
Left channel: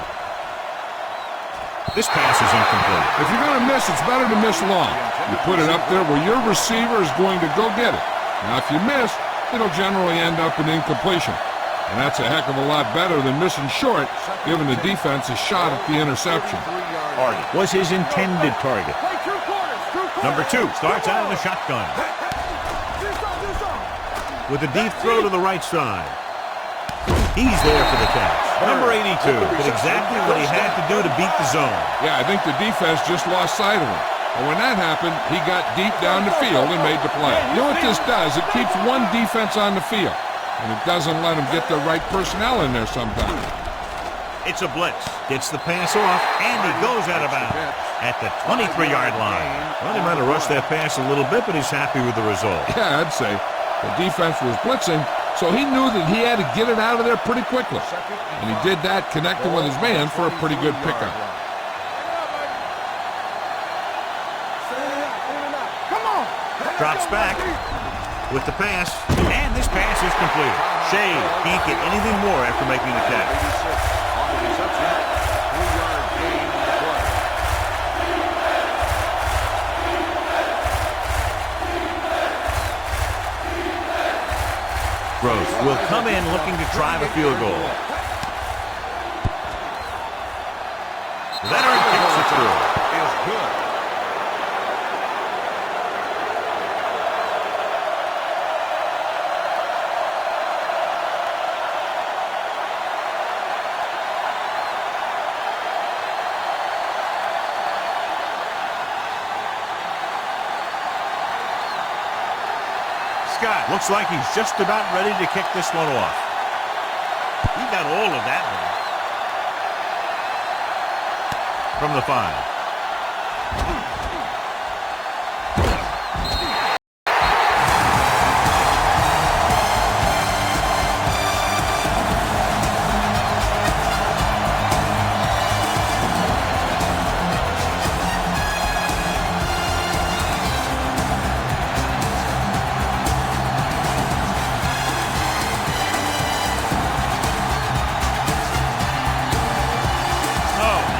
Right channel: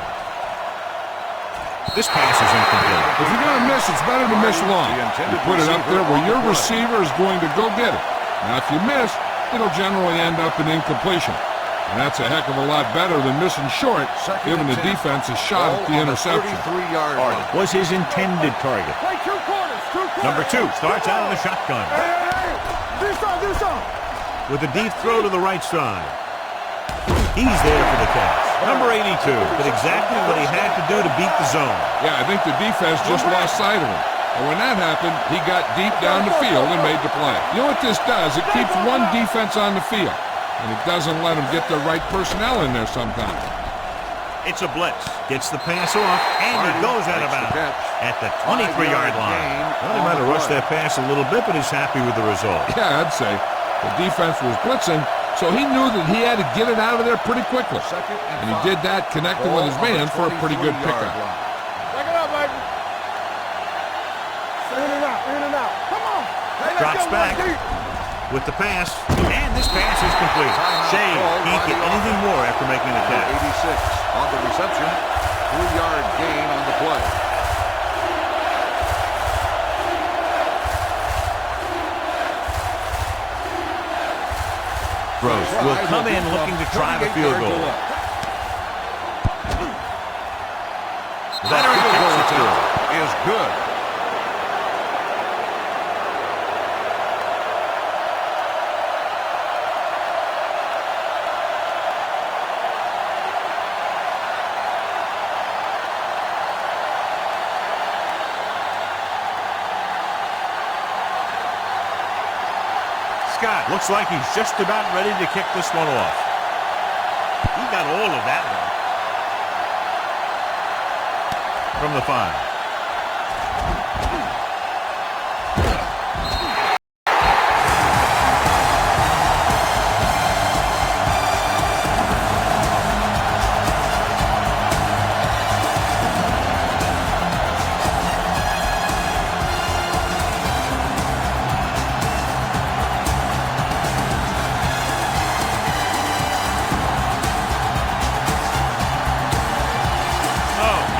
This pass is incomplete. If you're going to miss, it's better to miss long. You put it up there where your receiver is going to go get it. Now, if you miss, it'll generally end up in incompletion. And that's a heck of a lot better than missing short, giving the defense a shot at the interception. Hardy was his intended target. Play 2 quarters. Number 2 starts out of the shotgun. Do something. With a deep throw to the right side. He's there for the catch. Number 82 did exactly what he had to do to beat the zone. Yeah, I think the defense just lost sight of him. And when that happened, he got deep down the field and made the play. You know what this does? It keeps one defense on the field. and it doesn't let him get the right personnel in there sometimes. It's a blitz. Gets the pass off, and he goes out of bounds at the 23-yard line. Well, he might have rushed that pass a little bit, but he's happy with the result. Yeah, I'd say. The defense was blitzing, so he knew that he had to get it out of there pretty quickly. And he did that, connecting with his man for a pretty good pickup. Back it up, baby. In and out. Come on. Drops back with the pass, and this pass is completed. Shea can't get anything more after making the catch. 86 on the reception. 3-yard gain on the play. Gross will come in looking to drive a field goal. The veteran kicks it through. Is good. Scott looks like he's just about ready to kick this one off. He got all of that one. From the 5.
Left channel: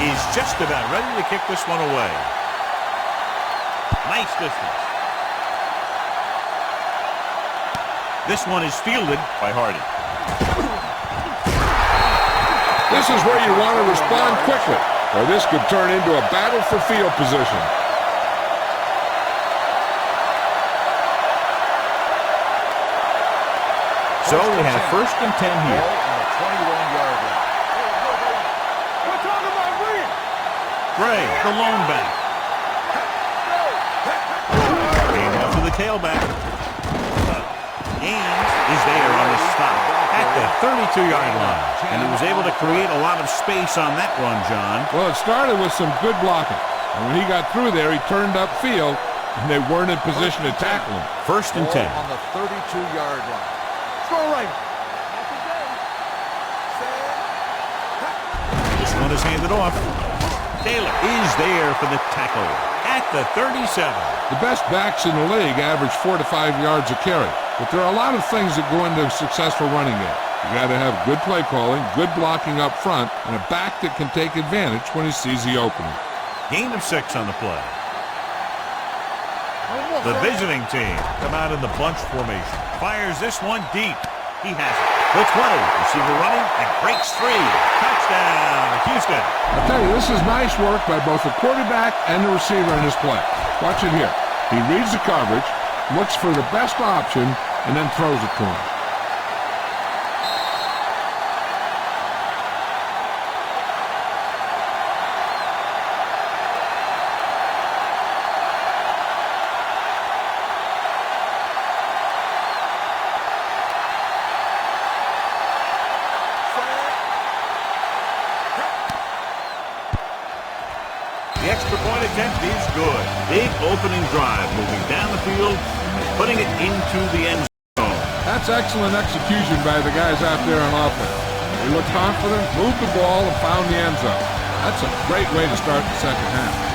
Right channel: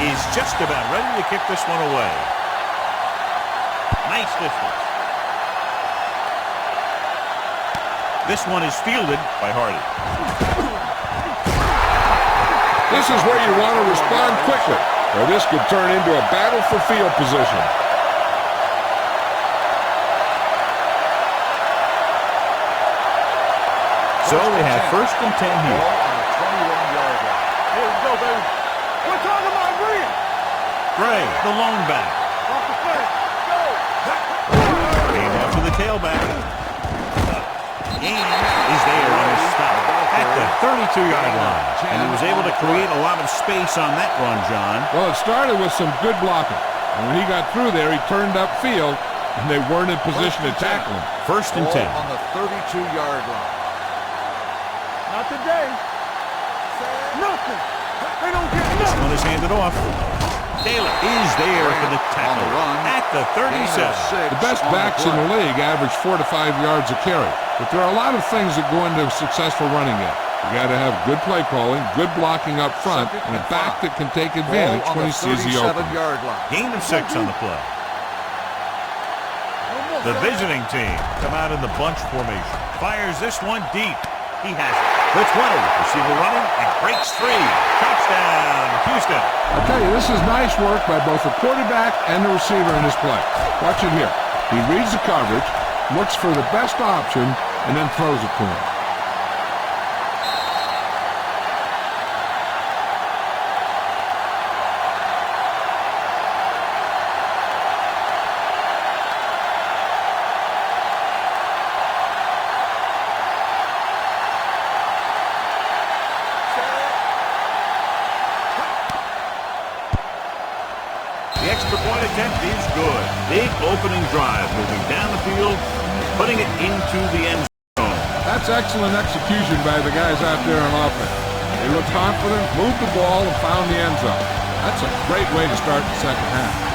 He's just about ready to kick this one away. Nice distance. This one is fielded by Hardy. This is where you want to respond quickly, or this could turn into a battle for field position. So they have 1st and 10 here. Ball on the 21-yard line. Here we go, baby. We're talking about Green. Gray, the lone back. Off the flat. Let's go. And after the tailback. Ames is there on his stop at the 32-yard line. And he was able to create a lot of space on that run, John. Well, it started with some good blocking. And when he got through there, he turned upfield, and they weren't in position to tackle him. 1st and 10. On the 32-yard line. Throw right. Not today. Nothing. They don't get This one is handed off. Taylor is there for the tackle at the 37. The best backs in the league average 4 to 5 yards a carry. But there are a lot of things that go into a successful running game. You got to have good play calling, good blocking up front, and a back that can take advantage when he sees the opening. Gain of 6 on the play. The visiting team come out in the bunch formation. Fires this one deep. He has it. The 20. Receiver running and breaks 3. Touchdown, Houston. I'll tell you, this is nice work by both the quarterback and the receiver in his play. Watch it here. He reads the coverage, looks for the best option, and then throws it to him. The extra point attempt is good. Big opening drive, moving down the field, putting it into the end zone. That's excellent execution by the guys out there on offense. They looked confident, moved the ball, and found the end zone. That's a great way to start the second half.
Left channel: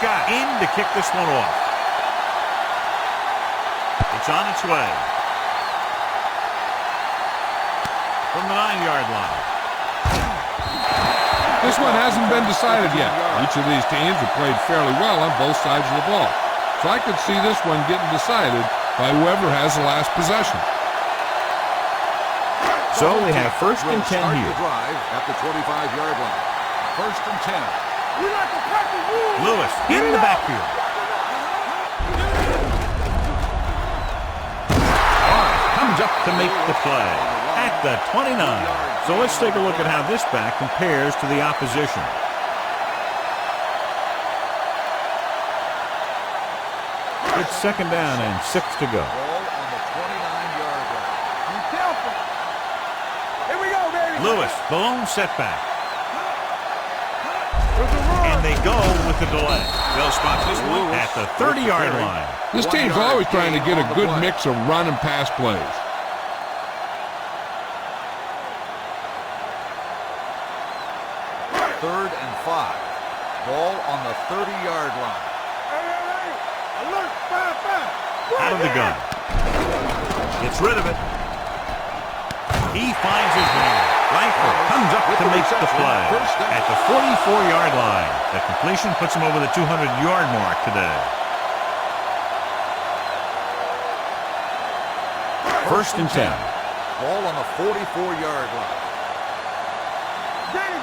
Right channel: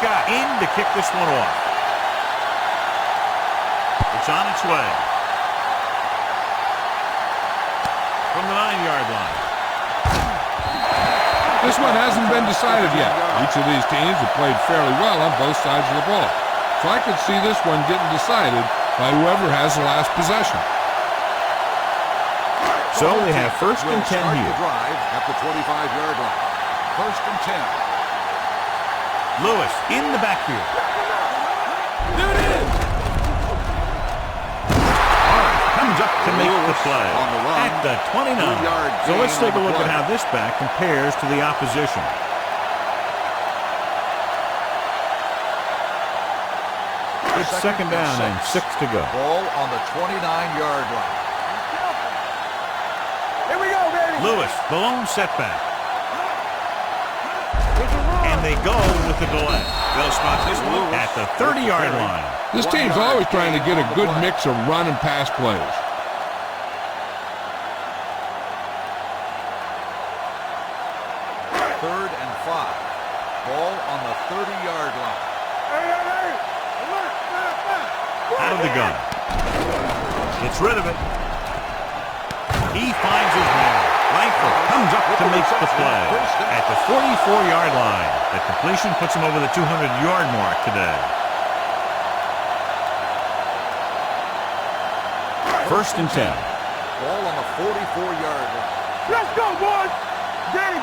Scott in to kick this one off. It's on its way. From the 9-yard line. This one hasn't been decided yet. Each of these teams have played fairly well on both sides of the ball. So I could see this one getting decided by whoever has the last possession. So they have 1st and 10 start here. the drive at the 25-yard line. 1st and 10. Lewis in the backfield. All right, comes up to make the play at the 29. So let's take a look at how this back compares to the opposition. It's second down and 6 to go. Ball on the 29-yard line. Be careful. Here we go, baby. Lewis, the lone setback. There's a run. And they go with the delay. They'll spot this one at the 30-yard line. This team's always trying to get a good mix of run and pass plays. Third and 5. Ball on the 30-yard line. Hey. Alert. Fire. Out of the gun. Gets rid of it. He finds his man. Langford comes up to make the play at the 44-yard line. That completion puts him over the 200-yard mark today. First and 10. Ball on the 44-yard line. Let's go, boys. Danny.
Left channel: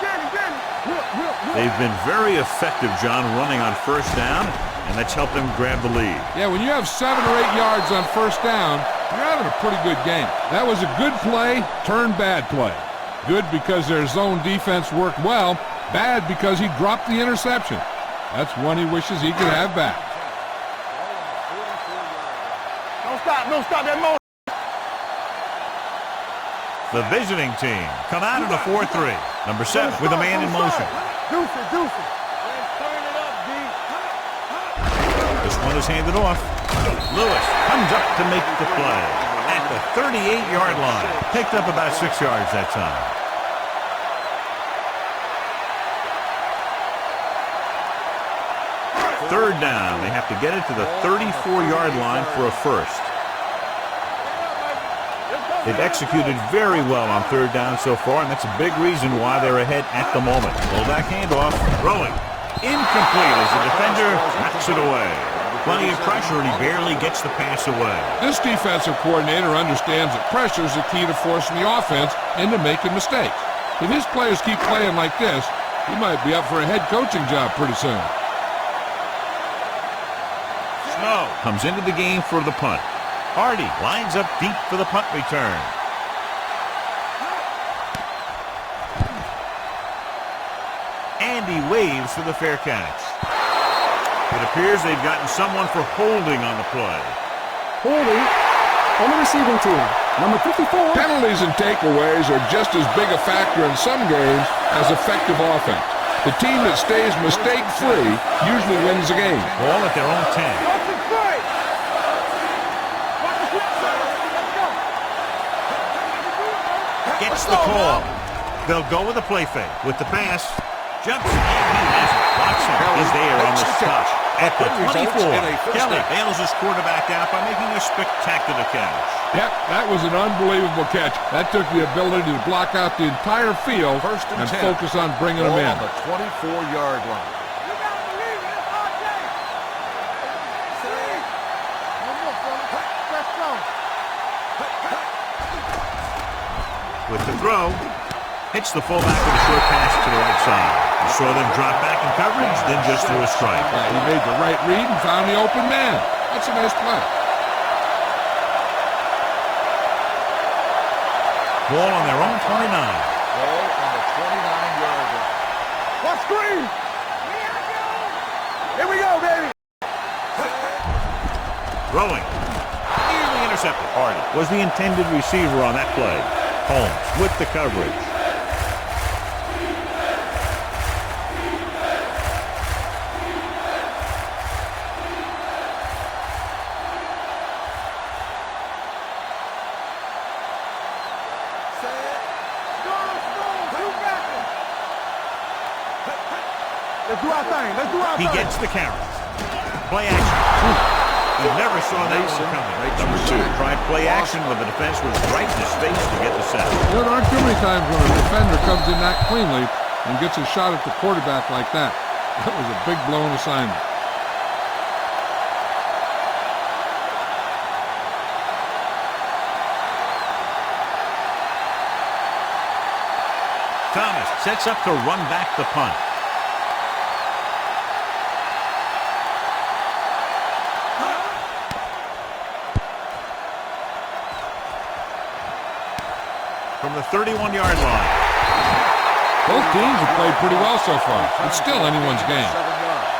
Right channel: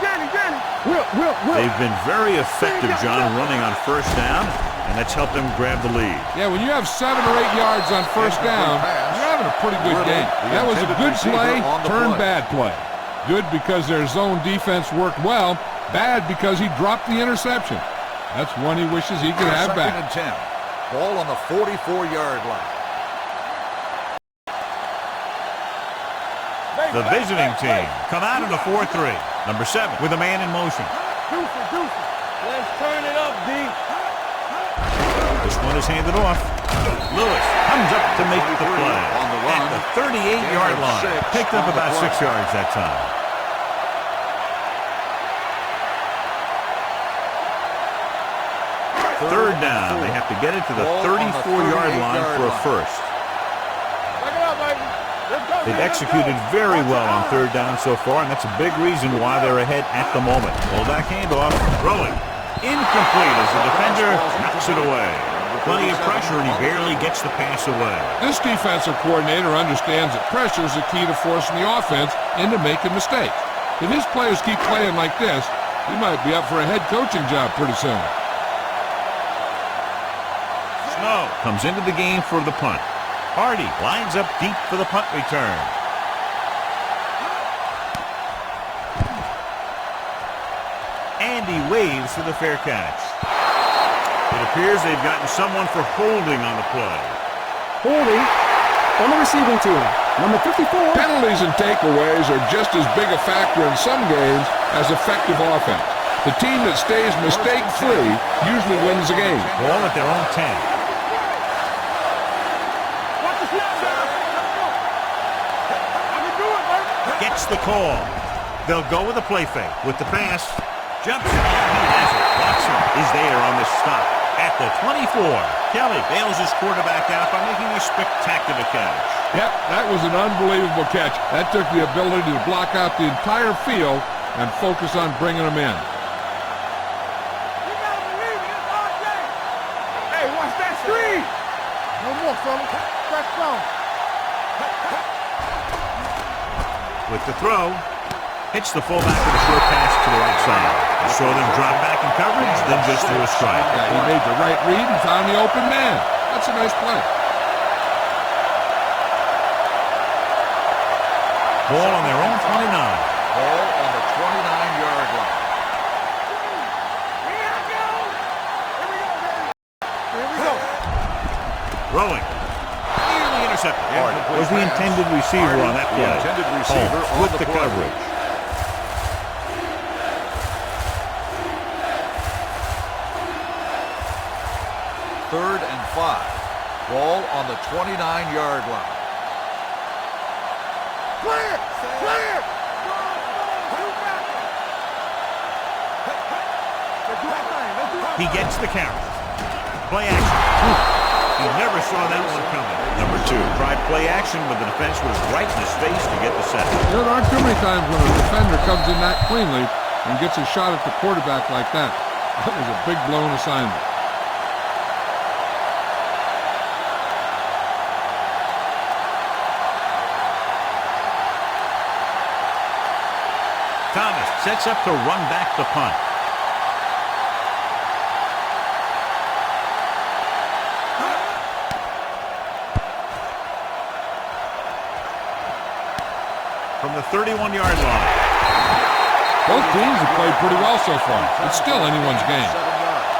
Will. They've been very effective, John, running on first down, and that's helped them grab the lead. Yeah, when you have 7 or 8 yards on first down, you're having a pretty good game. That was a good play, turned bad play. Good because their zone defense worked well. Bad because he dropped the interception. That's one he wishes he could have back. Second and 10. Ball on the 44-yard line. Don't stop that motion. The visiting team come out in a 4-3. Number 7 with a man in motion. Deuce it. Let's turn it up, D. This one is handed off. Lewis comes up to make the play at the 38-yard line. Picked up about 6 yards that time. Third down. They have to get it to the 34-yard line for a first. Back it up, baby. Let's go. They've executed very well on third down so far, and that's a big reason why they're ahead at the moment. Fullback handoff. Throwing. Incomplete as the defender knocks it away. Plenty of pressure, and he barely gets the pass away. This defensive coordinator understands that pressure is the key to forcing the offense into making mistakes. If his players keep playing like this, he might be up for a head coaching job pretty soon. Snow comes into the game for the punt. Hardy lines up deep for the punt return. And he waves for the fair catch. It appears they've gotten someone for holding on the play. Holding on the receiving team. Number 54. Penalties and takeaways are just as big a factor in some games as effective offense. The team that stays mistake-free usually wins the game. Ball at their own 10. Gets the call. They'll go with a play fake. With the pass, jumps, and he has it. Watson is there on the stop. At the 24, Kelly bails his quarterback out by making a spectacular catch. Yep, that was an unbelievable catch. That took the ability to block out the entire field and focus on bringing them in. 24-yard line. You gotta believe it. It's RJ. Hey, watch that screen. No more, fella. That's strong. With the throw, hits the fullback with a short pass to the right side. He saw them drop back in coverage, then just threw a strike. Yeah, he made the right read and found the open man. That's a nice play. Ball on their own 29. Ball on the 29-yard line. What screen? Here I go. Here we go, baby. Here we go. Throwing. Nearly intercepted. Hardy was the intended receiver on that play. Holmes with the coverage. Third and 5. Ball on the 29-yard line. Clear. You got him. Let's do our thing. He gets the carry. Play action. He never saw that one coming. Number 2 tried play action, but the defense was right in his face to get the sack. You know, there aren't too many times when a defender comes in that cleanly and gets a shot at the quarterback like that. That was a big blown assignment. Thomas sets up to run back the punt. from the 31-yard line. Both teams have played pretty well so far. It's still anyone's game. 7 yards.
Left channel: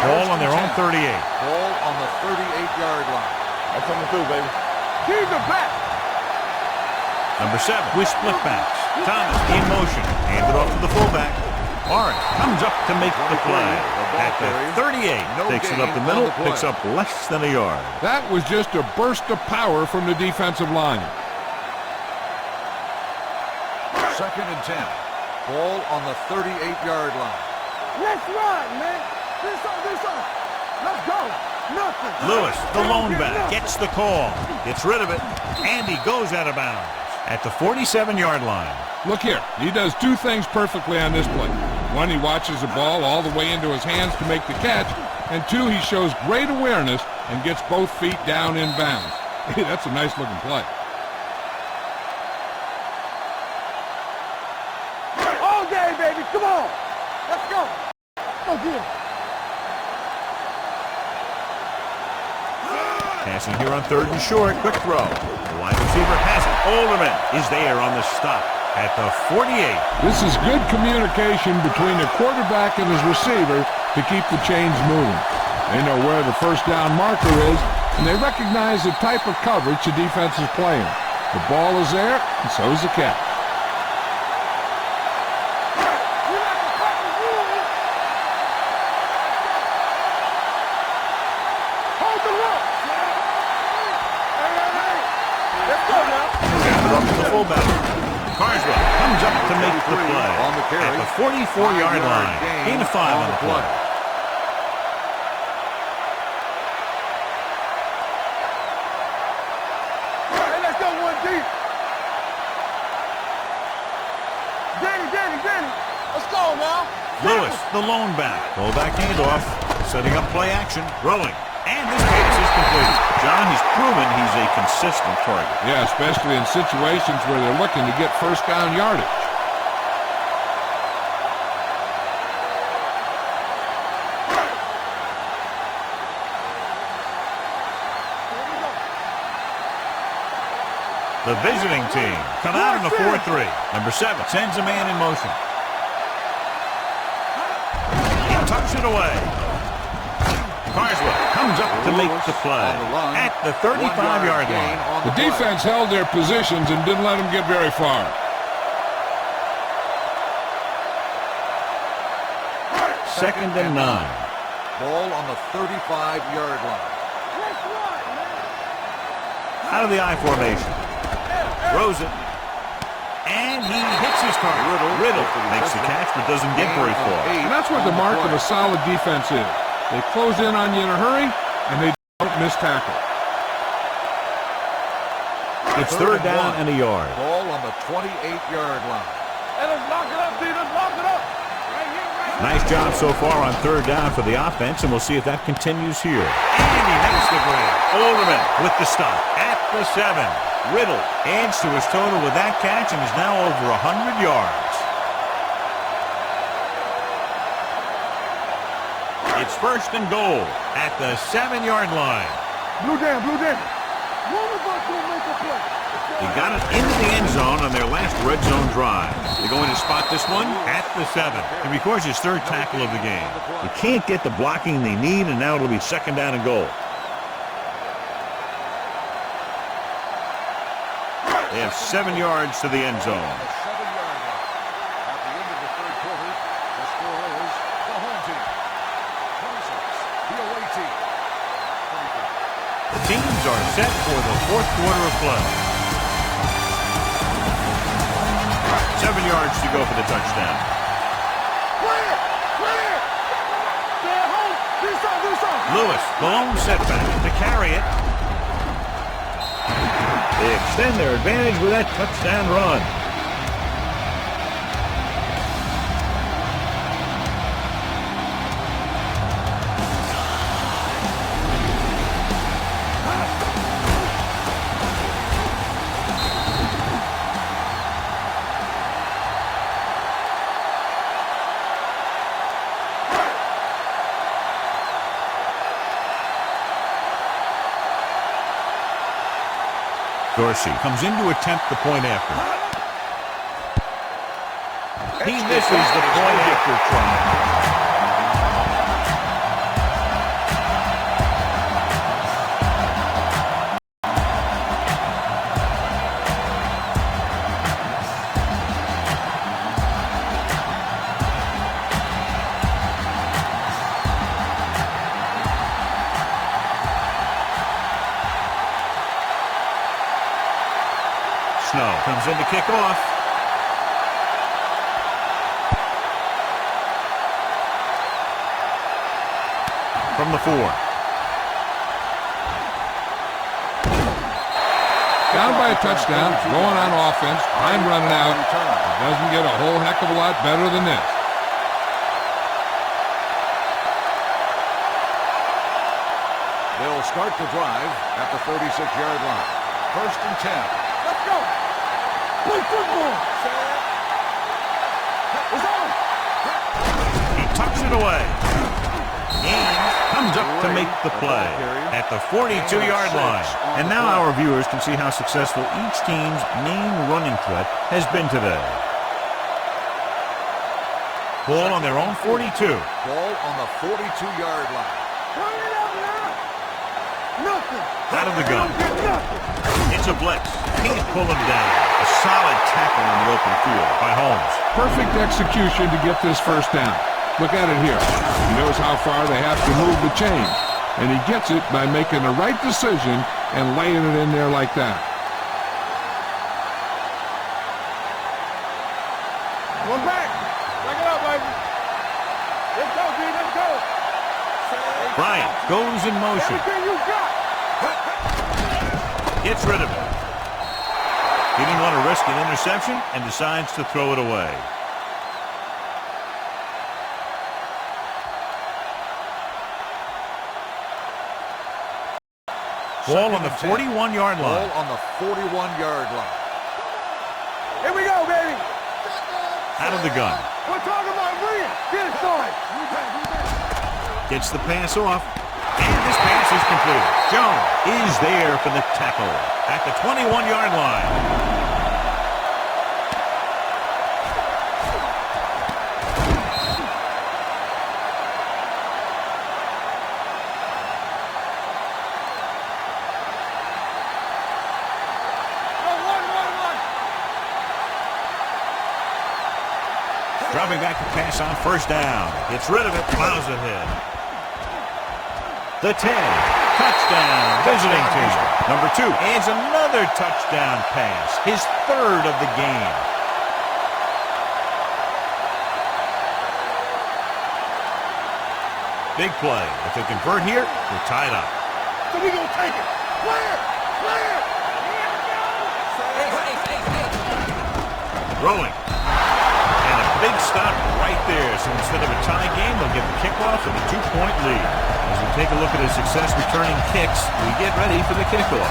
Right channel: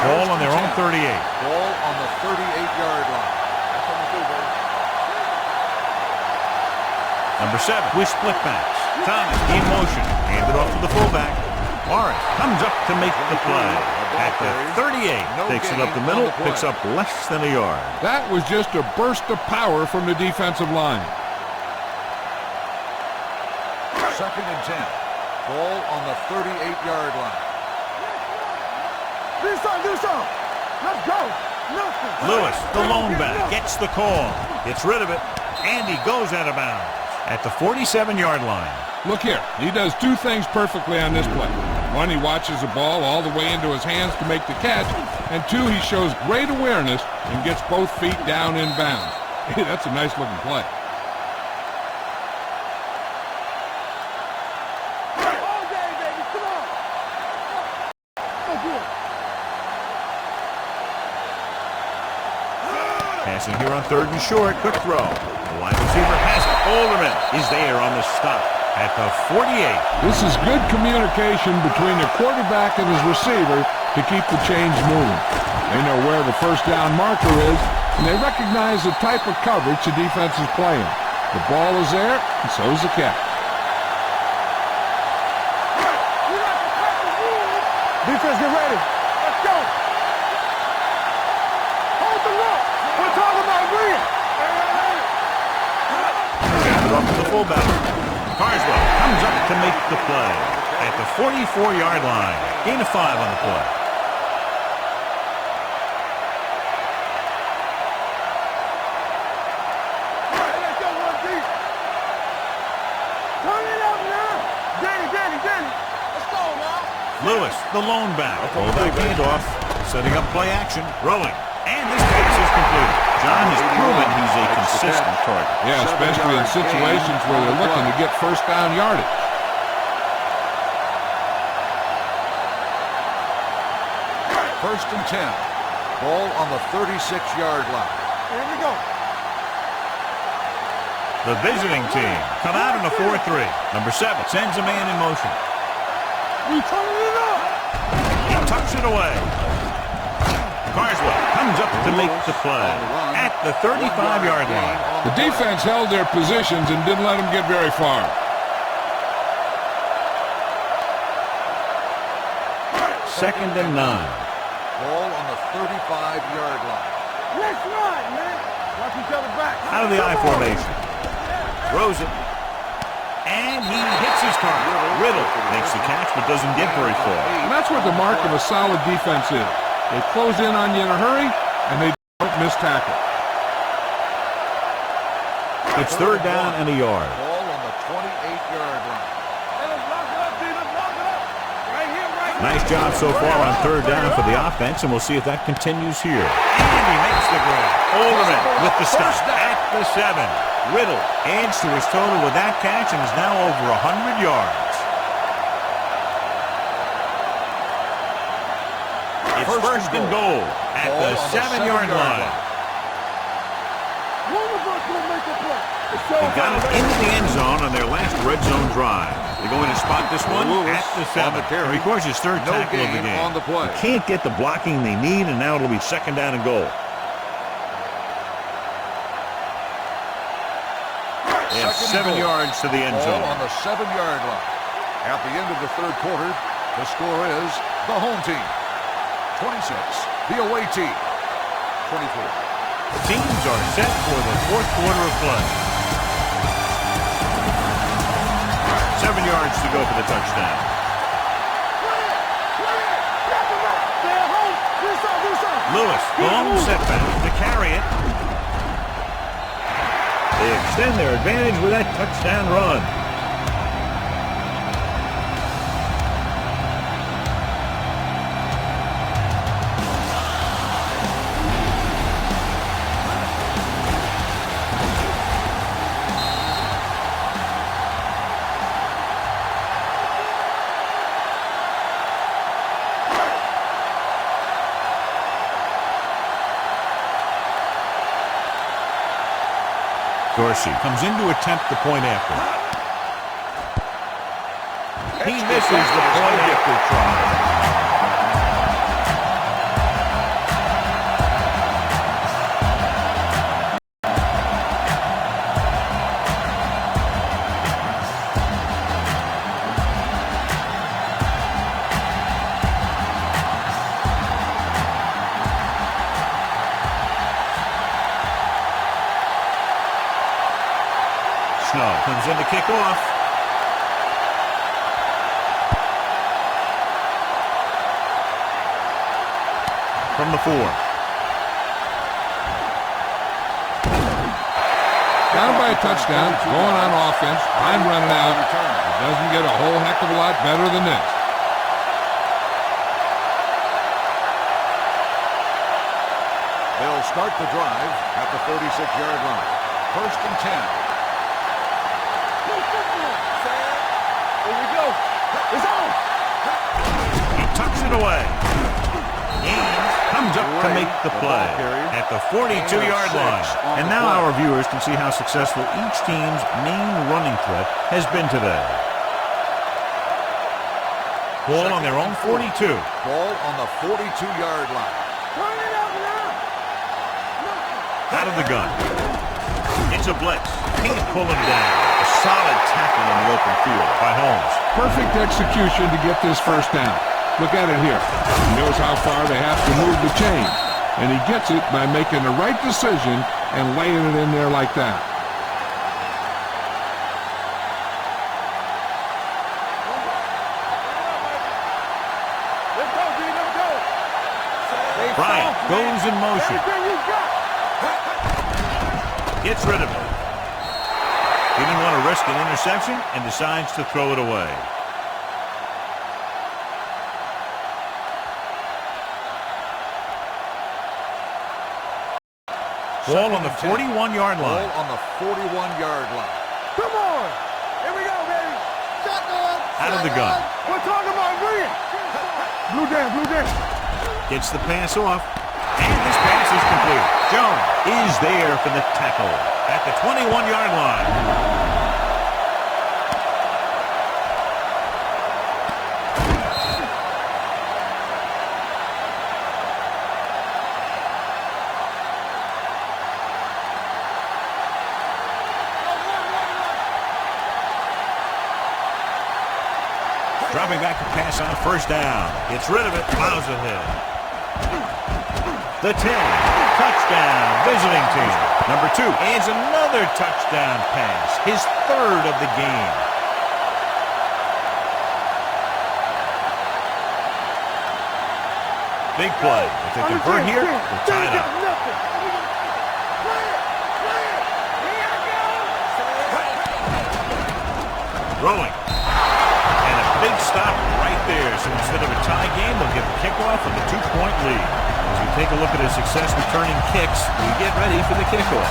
Ball on their own 38. Ball on the 38-yard line. That's coming through, baby. He's the back. Number 7 with split backs. Thomas in motion. Handed off to the fullback. Morris comes up to make the play. At the 38. Takes it up the middle. Picks up less than a yard. That was just a burst of power from the defensive line. 2nd and 10. Ball on the 38-yard line. Let's run, man. Do something. Let's go. Nothing. Lewis, the lone back, gets the call. Gets rid of it. And he goes out of bounds at the 47-yard line. Look here. He does two things perfectly on this play. One, he watches the ball all the way into his hands to make the catch. And two, he shows great awareness and gets both feet down in bounds. Hey, that's a nice-looking play. All day, baby. Come on. Let's go. Go get it. Passing here on 3rd and short. Quick throw. The wide receiver has it. Alderman is there on the stop at the 48. This is good communication between the quarterback and his receiver to keep the chains moving. They know where the first down marker is, and they recognize the type of coverage the defense is playing. The ball is there, and so is the catch. We like to practice rules. Defense, get ready. Let's go. Hold the look. We're talking about win. Hey. Let's go now. Hand it off to the fullback. Carswell comes up to make the play at the 44-yard line. Gain of 5 on the play. Hey, let's go one deep. Turn it up now. Danny. Let's go now. Lewis, the lone back. Fullback handoff. Setting up play action. Rolling. And this pass is completed. John has proven he's a consistent target. Yeah, especially in situations where they're looking to get first down yardage. First and 10. Ball on the 36-yard line. Here we go. The visiting team come out in a 4-3. Number 7 sends a man in motion. We turning it up. He tucks it away. Carswell comes up to make the play at the 35-yard line. The defense held their positions and didn't let them get very far. Second and 9. Ball on the 35-yard line. Let's run, man. Watch each other back. Out of the I formation. Throws it. And he hits his target. Riddle makes the catch but doesn't get very far. And that's what the mark of a solid defense is. They close in on you in a hurry, and they don't miss tackle. It's 3rd down and a yard. Ball on the 28-yard line. Hey, let's lock it up, D. Let's lock it up. Right here. Nice job so far on 3rd down for the offense, and we'll see if that continues here. And he makes the grab. Alderman with the stop at the 7. Riddle adds to his total with that catch and is now over 100 yards. It's 1st and goal at the 7-yard line. Blue jam. One of us will make a play. They got it into the end zone on their last red zone drive. They're going to spot this one at the 7. And of course, his 3rd tackle of the game. They can't get the blocking they need, and now it'll be 2nd down and goal. They have 7 yards to the end zone. On the 7-yard line. At the end of the 3rd quarter, the score is the home team 26, the away team 24. The teams are set for the 4th quarter of play. 7 yards to go for the touchdown. Play it. Stay at home. Do something. Lewis, the lone setback to carry it. They extend their advantage with that touchdown run. Dorsey comes in to attempt the point after. He misses the point after try. Snow comes in to kick off. From the 4. Down by a touchdown, going on offense, time running out. It doesn't get a whole heck of a lot better than this. They'll start the drive at the 36-yard line. 1st and 10. Play football. Here we go. It's on. He tucks it away. Ames comes up to make the play at the 42-yard line. And now our viewers can see how successful each team's main running threat has been today. Ball on their own 42. Ball on the 42-yard line. Turn it up now. Nothing. Out of the gun. It's a blitz. Can't pull him down. A solid tackle in the open field by Holmes. Perfect execution to get this first down. Look at it here. He knows how far they have to move the chain. And he gets it by making the right decision and laying it in there like that. One back. Back it up, baby. Let's go, G. Let's go. Bryant goes in motion. Everything you got. Gets rid of it. He didn't want to risk an interception and decides to throw it away. Ball on the 41-yard line. Ball on the 41-yard line. Come on. Here we go, baby. Shotgun. Out of the gun. We're talking about bring it. Get it started. Blue down, blue down. Gets the pass off. And this pass is completed. Jones is there for the tackle at the 21-yard line. Dropping back to pass on 1st down. Gets rid of it, plows ahead. The 10. Touchdown, visiting team. Number 2 adds another touchdown pass. His 3rd of the game. Big play. If they convert here, we're tied up. So we're going to take it. Play it. Play it. Here I go. Throwing. And a big stop right there. So instead of a tie game, they'll get the kickoff with a 2-point lead. As we take a look at his success returning kicks, we get ready for the kickoff.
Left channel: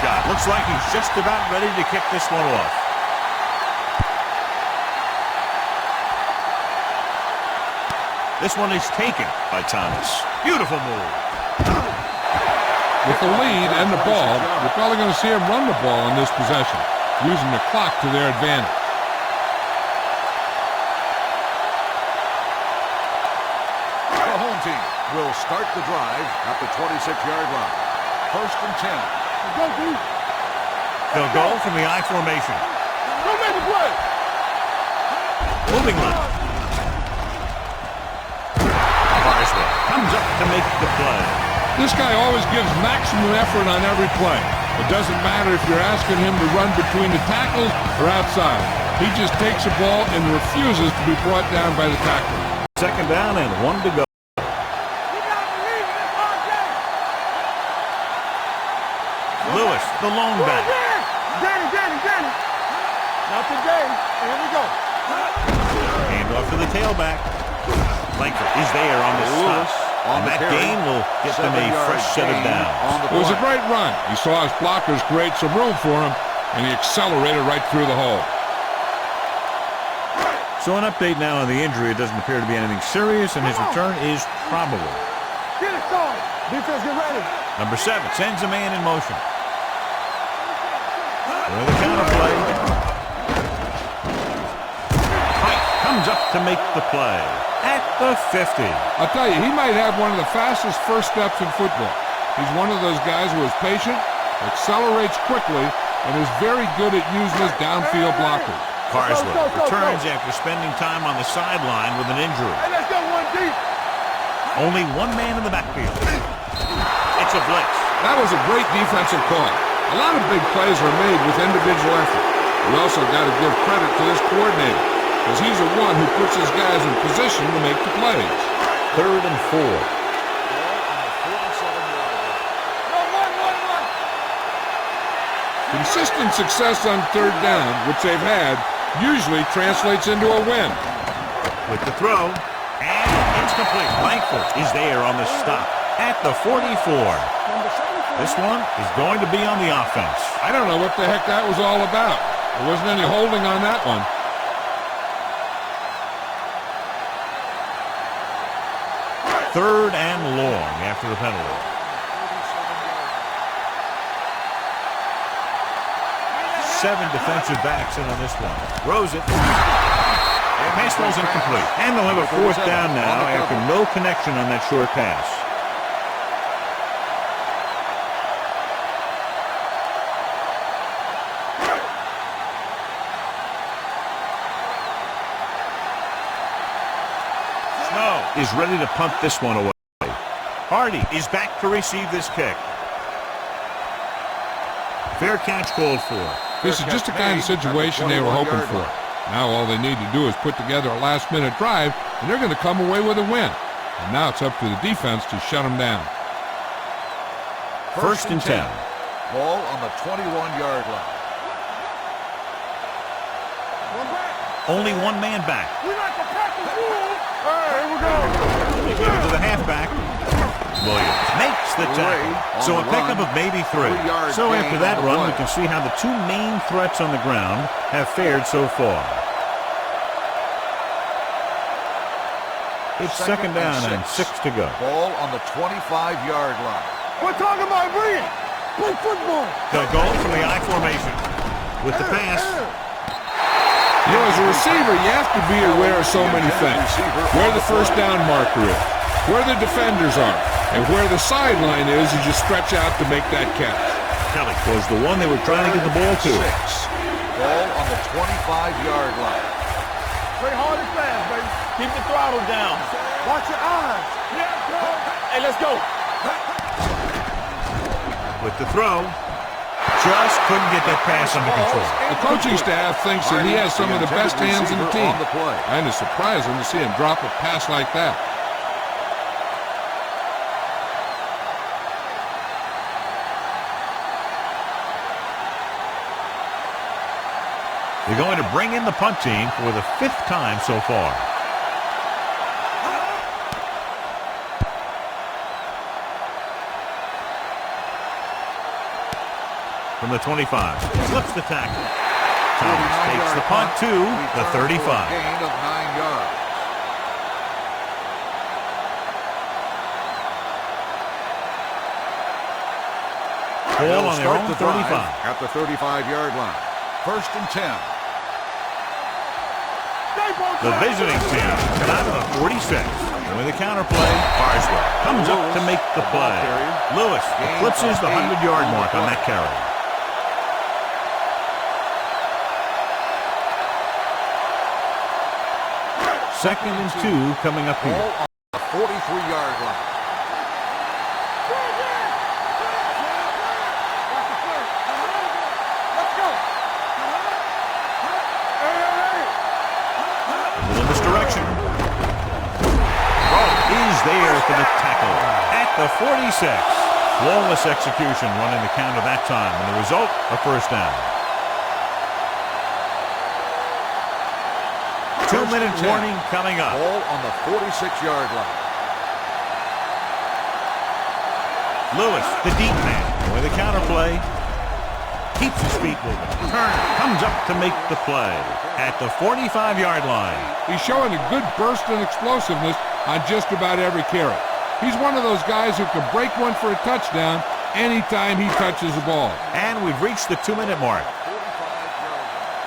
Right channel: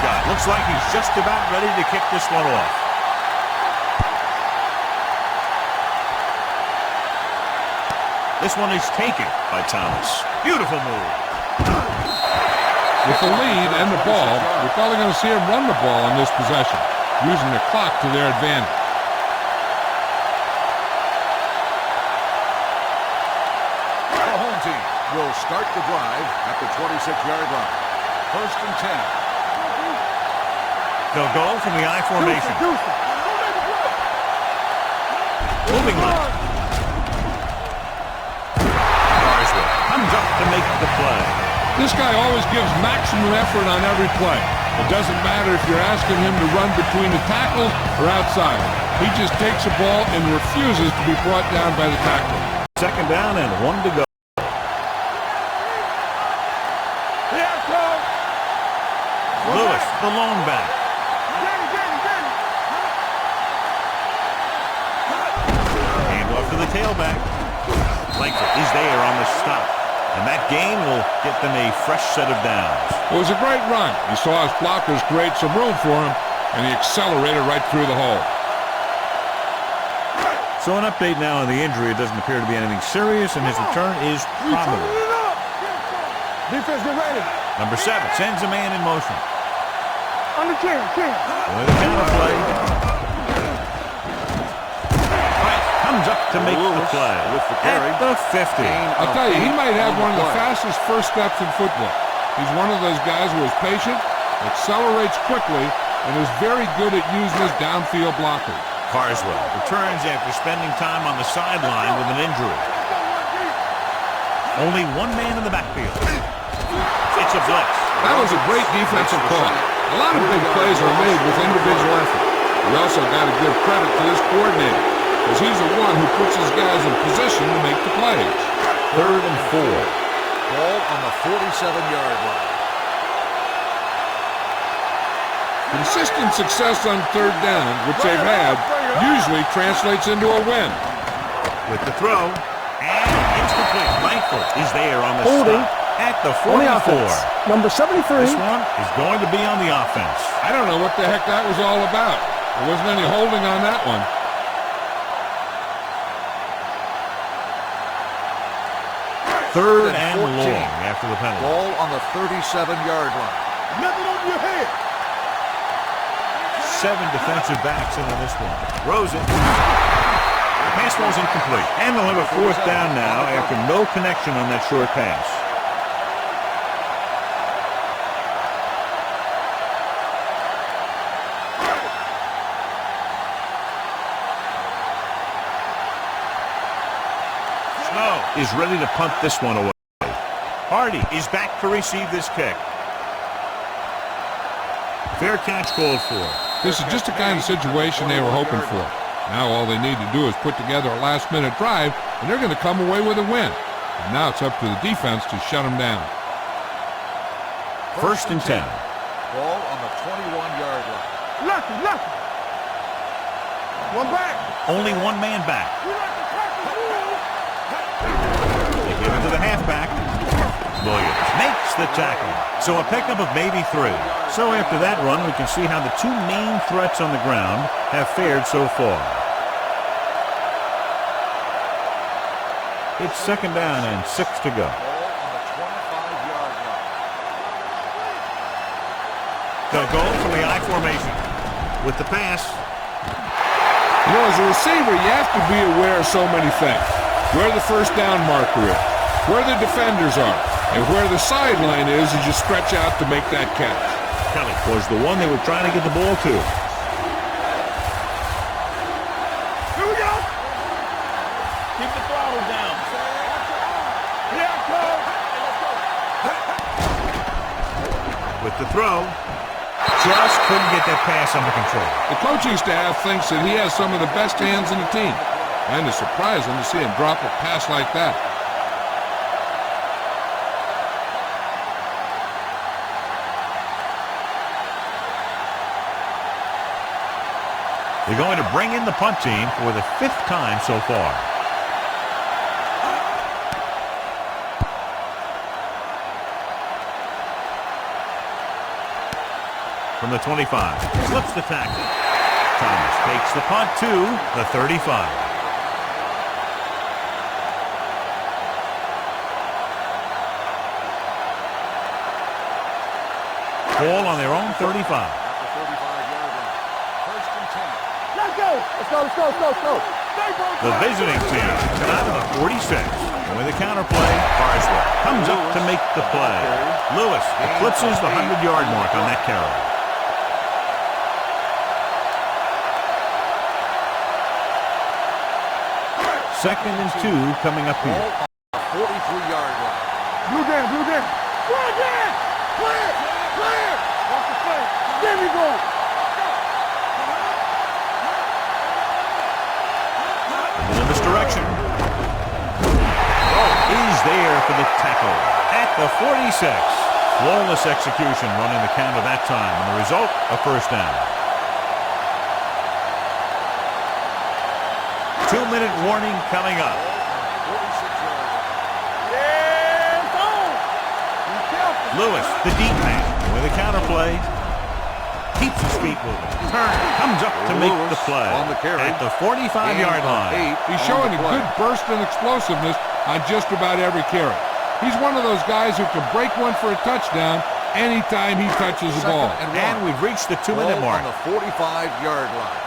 Scott looks like he's just about ready to kick this one off. This one is taken by Thomas. Beautiful move. With the lead and the ball, you're probably going to see them run the ball on this possession, using the clock to their advantage. The home team will start the drive at the 26-yard line. 1st and 10. They'll go from the I formation. Go make the play. Moving line. Carswell comes up to make the play. This guy always gives maximum effort on every play. It doesn't matter if you're asking him to run between the tackles or outside. He just takes the ball and refuses to be brought down by the tackler. 2nd down and 1 to go. Lewis, the lone back. Danny. Not today. Here we go. Hand off to the tailback. Langford is there on the stop. And that gain will get them a fresh set of downs. It was a great run. He saw his blockers create some room for him, and he accelerated right through the hole. So an update now on the injury. It doesn't appear to be anything serious, and his return is probable. Get it, Tony. Defense, get ready. Number 7 sends a man in motion. Under 10. With a counter play. Right, comes up to make the play at the 50. I'll tell you, he might have one of the fastest first steps in football. He's one of those guys who is patient, accelerates quickly, and is very good at using his downfield blockers. Carswell returns after spending time on the sideline with an injury. Hey, let's go one deep. Only one man in the backfield. It's a blitz. That was a great defensive call. A lot of big plays are made with individual effort. You also got to give credit to this coordinator, because he's the one who puts his guys in position to make the plays. 3rd and 4. Ball on the 47-yard line. Consistent success on 3rd down, which they've had, usually translates into a win. With the throw, and it's complete. Langford is there on the stop at the 44. Number 73. This one is going to be on the offense. I don't know what the heck that was all about. There wasn't any holding on that one. Third and long after the penalty. Ball on the 37-yard line. Nothing on your head. 7 defensive backs in on this one. Throws it. The pass was incomplete. And they'll have a 4th down now after no connection on that short pass. Snow is ready to punt this one away. Hardy is back to receive this kick. Fair catch called for. This is just the kind of situation they were hoping for. Now all they need to do is put together a last-minute drive, and they're going to come away with a win. And now it's up to the defense to shut them down. 1st and 10. Ball on the 21-yard line. Lucky. One back. Only one man back. We like to practice rules. Here we go. They give it to the halfback. Williams makes the tackle. So a pickup of maybe 3. So after that run, we can see how the 2 main threats on the ground have fared so far. It's 2nd down and 6 to go. Ball on the 25-yard line. We're talking about Brian. Play football. The goal from the I formation. With the pass. You know, as a receiver, you have to be aware of so many things. Where the first down marker is, where the defenders are, and where the sideline is as you stretch out to make that catch. Kelly was the one they were trying to get the ball to. Ball on the 25-yard line. Here we go. Play hard and fast, baby. Keep the throttle down. Watch your eyes. Here it comes. Hey, let's go. With the throw, just couldn't get that pass under control. The coaching staff thinks that he has some of the best hands in the team, and it's surprising to see him drop a pass like that. They're going to bring in the punt team for the 5th time so far. From the 25, slips the tackle. Thomas takes the punt to the 35. Gain of 9 yards. Ball on their own 35. At the 35-yard line. 1st and 10. Let's go. Let's go. Stay both The visiting team come out of the 46. And with a counterplay, Carswell comes up to make the play. Lewis eclipses the 100-yard mark on that carry. Second and 2 coming up here. Ball on the 43-yard line. Blue down. Clear. Watch the clear. There we go. Let's go. A little misdirection. Rowe is there for the tackle at the 46. Flawless execution running the counter that time, and the result, a 1st down. 2-minute warning coming up. Ball on the 46-yard line. Yeah, it's on. Be careful. Lewis, the deep man, with a counterplay. Keeps his feet moving. Turner comes up to make the play at the 45-yard line. He's showing a good burst and explosiveness on just about every carry. He's one of those guys who can break one for a touchdown anytime he touches the ball. And we've reached the 2-minute mark. On the 45-yard line.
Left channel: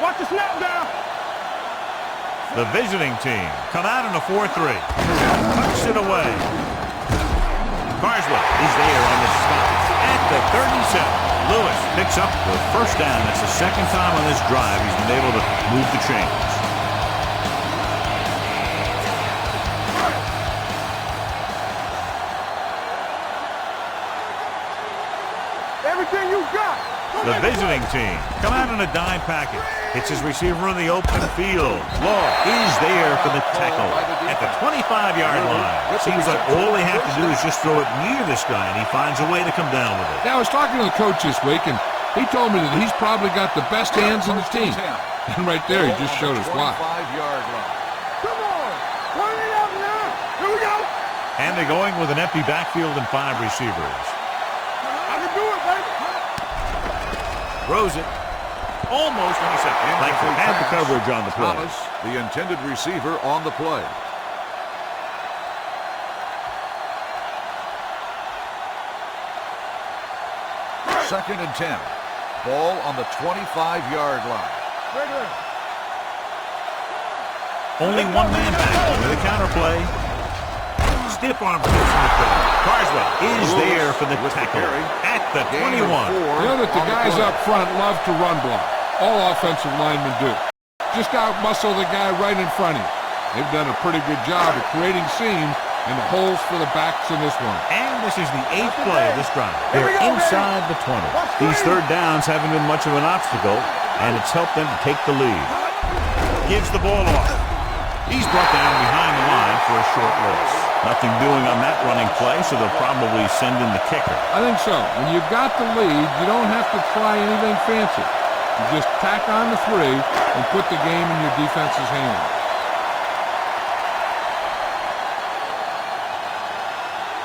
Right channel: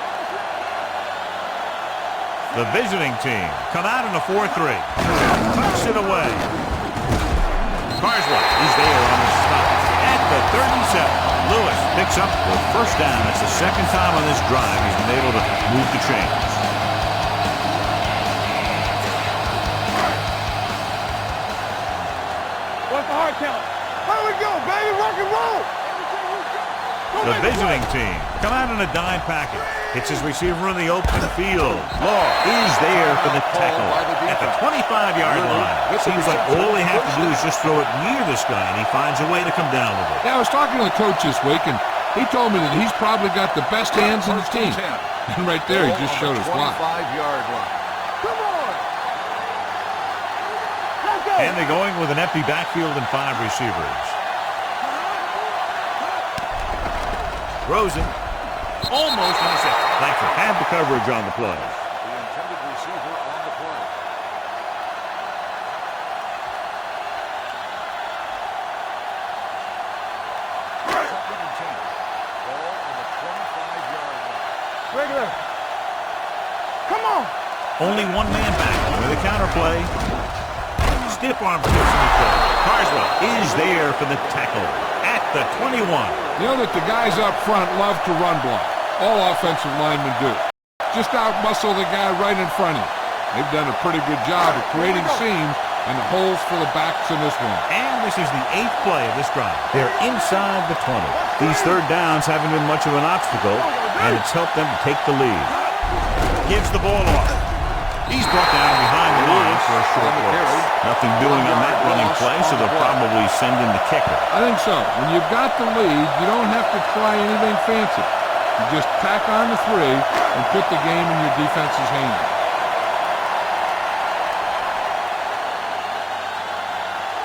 Watch the snap down. The visiting team come out in a 4-3. Tucks it away. Carswell is there on the stop at the 37. Lewis picks up the first down. That's the second time on this drive he's been able to move the chains. What's the hard count? How we go, baby? Rock and roll. Everything you got. The visiting team come out in a dime package. Hits his receiver in the open field. Law is there for the tackle at the 25-yard line. Seems like all they have to do is just throw it near this guy, and he finds a way to come down with it. Now, I was talking to the coach this week, and he told me that he's probably got the best hands in the team. And right there, he just showed us why. 25-yard line. Come on. Turn it up now. Here we go. Let's go. And they're going with an empty backfield and 5 receivers. I can do it, baby. Throws it. Almost intercepted. Langford had the coverage on the play. Thomas, the intended receiver on the play. Second and 10. Ball on the 25-yard line. Regular. Come on. Only one man back with a counter play. Stiff arm protection with the Carswell is there for the tackle at the 21. You know that the guys up front love to run block. All offensive linemen do. Just out-muscle the guy right in front of you. They've done a pretty good job of creating seams and the holes for the backs in this one. And this is the 8th play of this drive. They're inside the 20. These third downs haven't been much of an obstacle, and it's helped them to take the lead. Gives the ball off. He's brought down behind the line for a short loss. Nothing doing on that running play, so they'll probably send in the kicker. I think so. When you've got the lead, you don't have to try anything fancy. You just tack on the 3 and put the game in your defense's hands.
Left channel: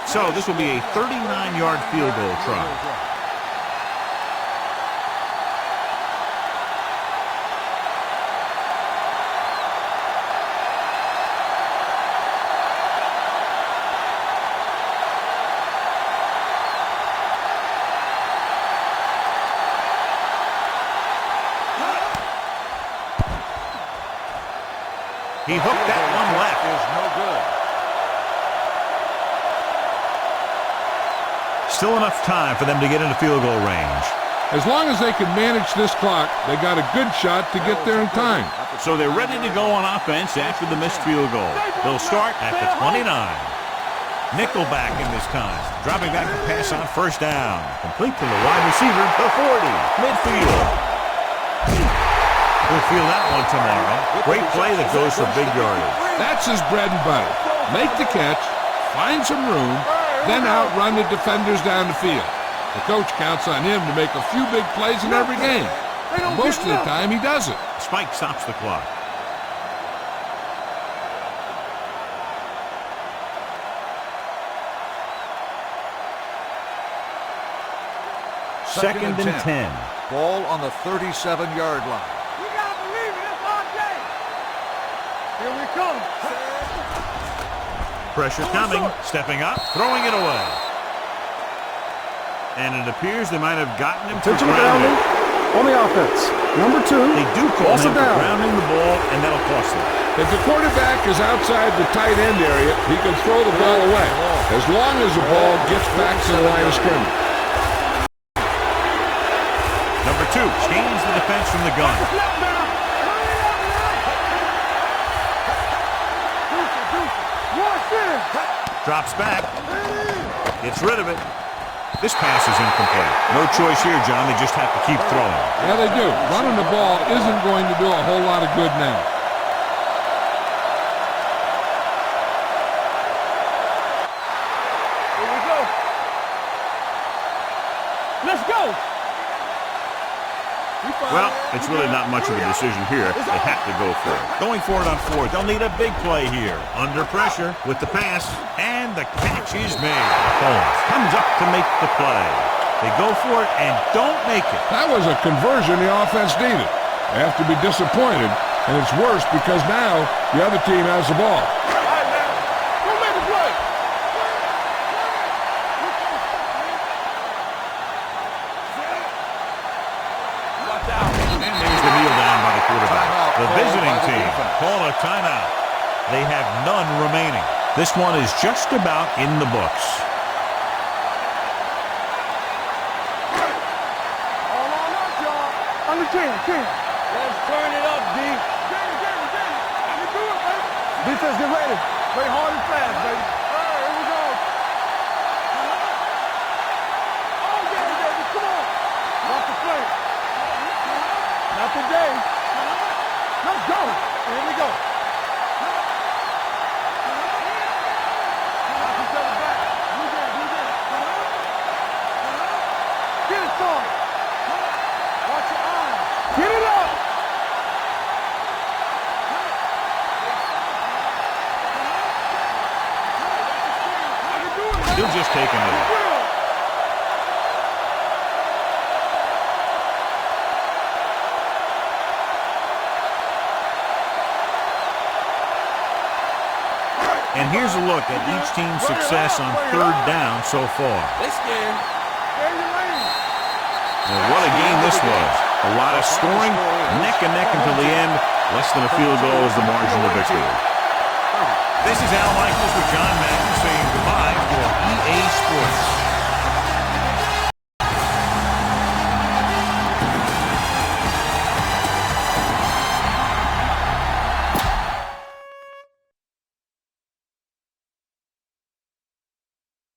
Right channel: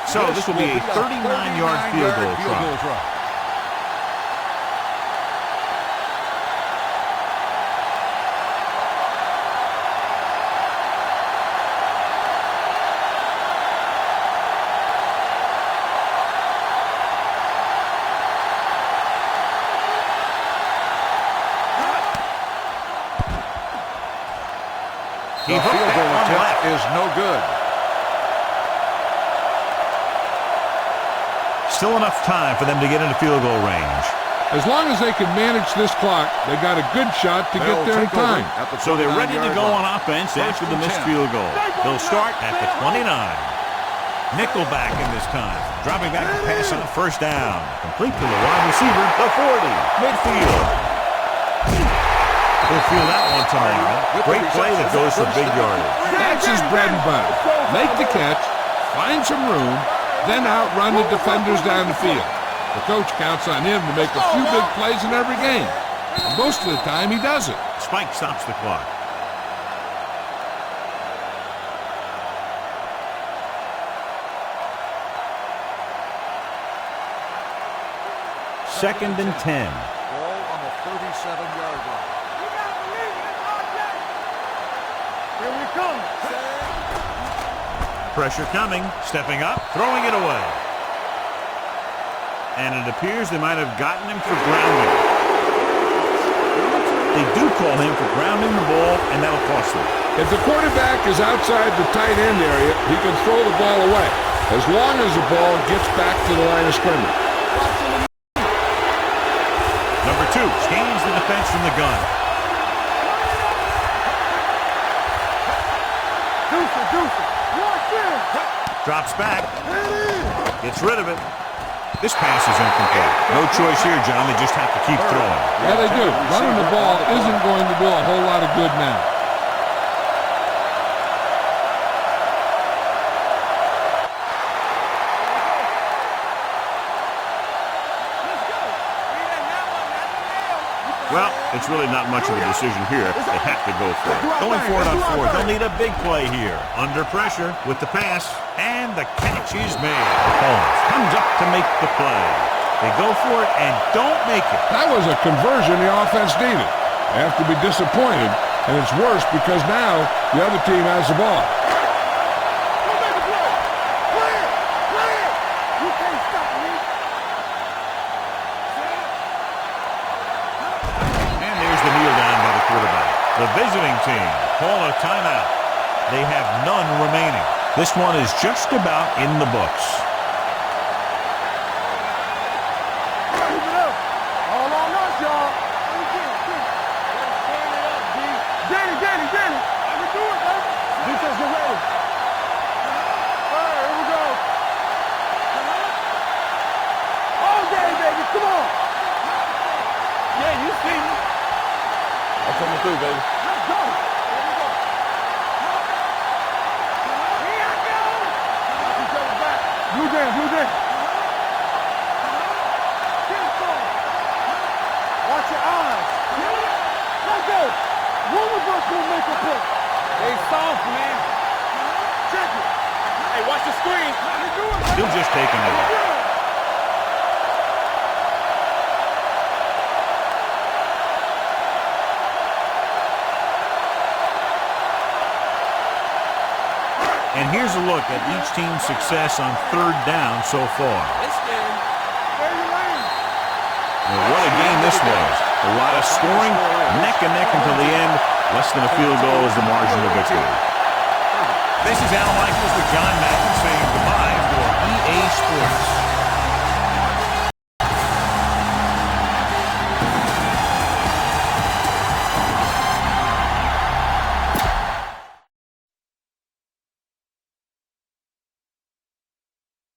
So this will be a 39-yard field goal try. He hooked that one left. Is no good. Still enough time for them to get into field goal range. As long as they can manage this clock, they got a good shot to get there in time. So they're ready to go on offense after the missed field goal. They'll start at the 29. Nickelback in this time. Dropping back to pass on first down. Complete to the wide receiver, the 40. Midfield. We'll feel that one tomorrow. Great play that goes for big yardage. That's his bread and butter. Make the catch, find some room, then outrun the defenders down the field. The coach counts on him to make a few big plays in every game. And most of the time, he does it. Spike stops the clock. Second and 10. Ball on the 37-yard line. You gotta believe it. It's RJ. Here we come. Pressure coming. Stepping up. Throwing it away. And it appears they might have gotten him for grounding. On the offense. Number 2. They do call him for grounding the ball, and that'll cost them. If the quarterback is outside the tight end area, he can throw the ball away, as long as the ball gets back to the line of scrimmage. Number 2 scans the defense from the gun. Drops back. Gets rid of it. This pass is incomplete. No choice here, John. They just have to keep throwing. Yeah, they do. Running the ball isn't going to do a whole lot of good now. Here we go. Let's go. Well, it's really not much of a decision here. They have to go for it. Going for it on 4th. They'll need a big play here. Under pressure with the pass. And the catch is made. Holmes comes up to make the play They go for it and don't make it. That was a conversion the offense needed. They have to be disappointed, and it's worse because now the other team has the ball. All right, man. Go make a play. Play it. Play it. You can't stop me. And there's the kneel down by the quarterback. The visiting team call a timeout. They have none remaining. This one is just about in the books. All on us, y'all. Under 10. Let's turn it up, D. Danny. I can do it, baby. Defense, get ready. Play hard and fast, baby. All right, here we go. All day, baby. Come on. Watch the play. Yeah, you see me. Not today. I'm coming through, baby. Let's go. Here we go. Here I go. Watch each other back. Blue game. Get it, son. Watch your eyes. Get it up. Let's go. One of us will make a pick. They soft, man. Check it. Hey, watch the screen. I can do it, man. He'll just take a knee. And here's a look at each team's success on third down so far. They scared. Stay in your lane. And what a game this was. A lot of scoring, neck and neck until the end. Less than a field goal is the margin of victory. This is Al Michaels with John Madden saying goodbye for EA Sports.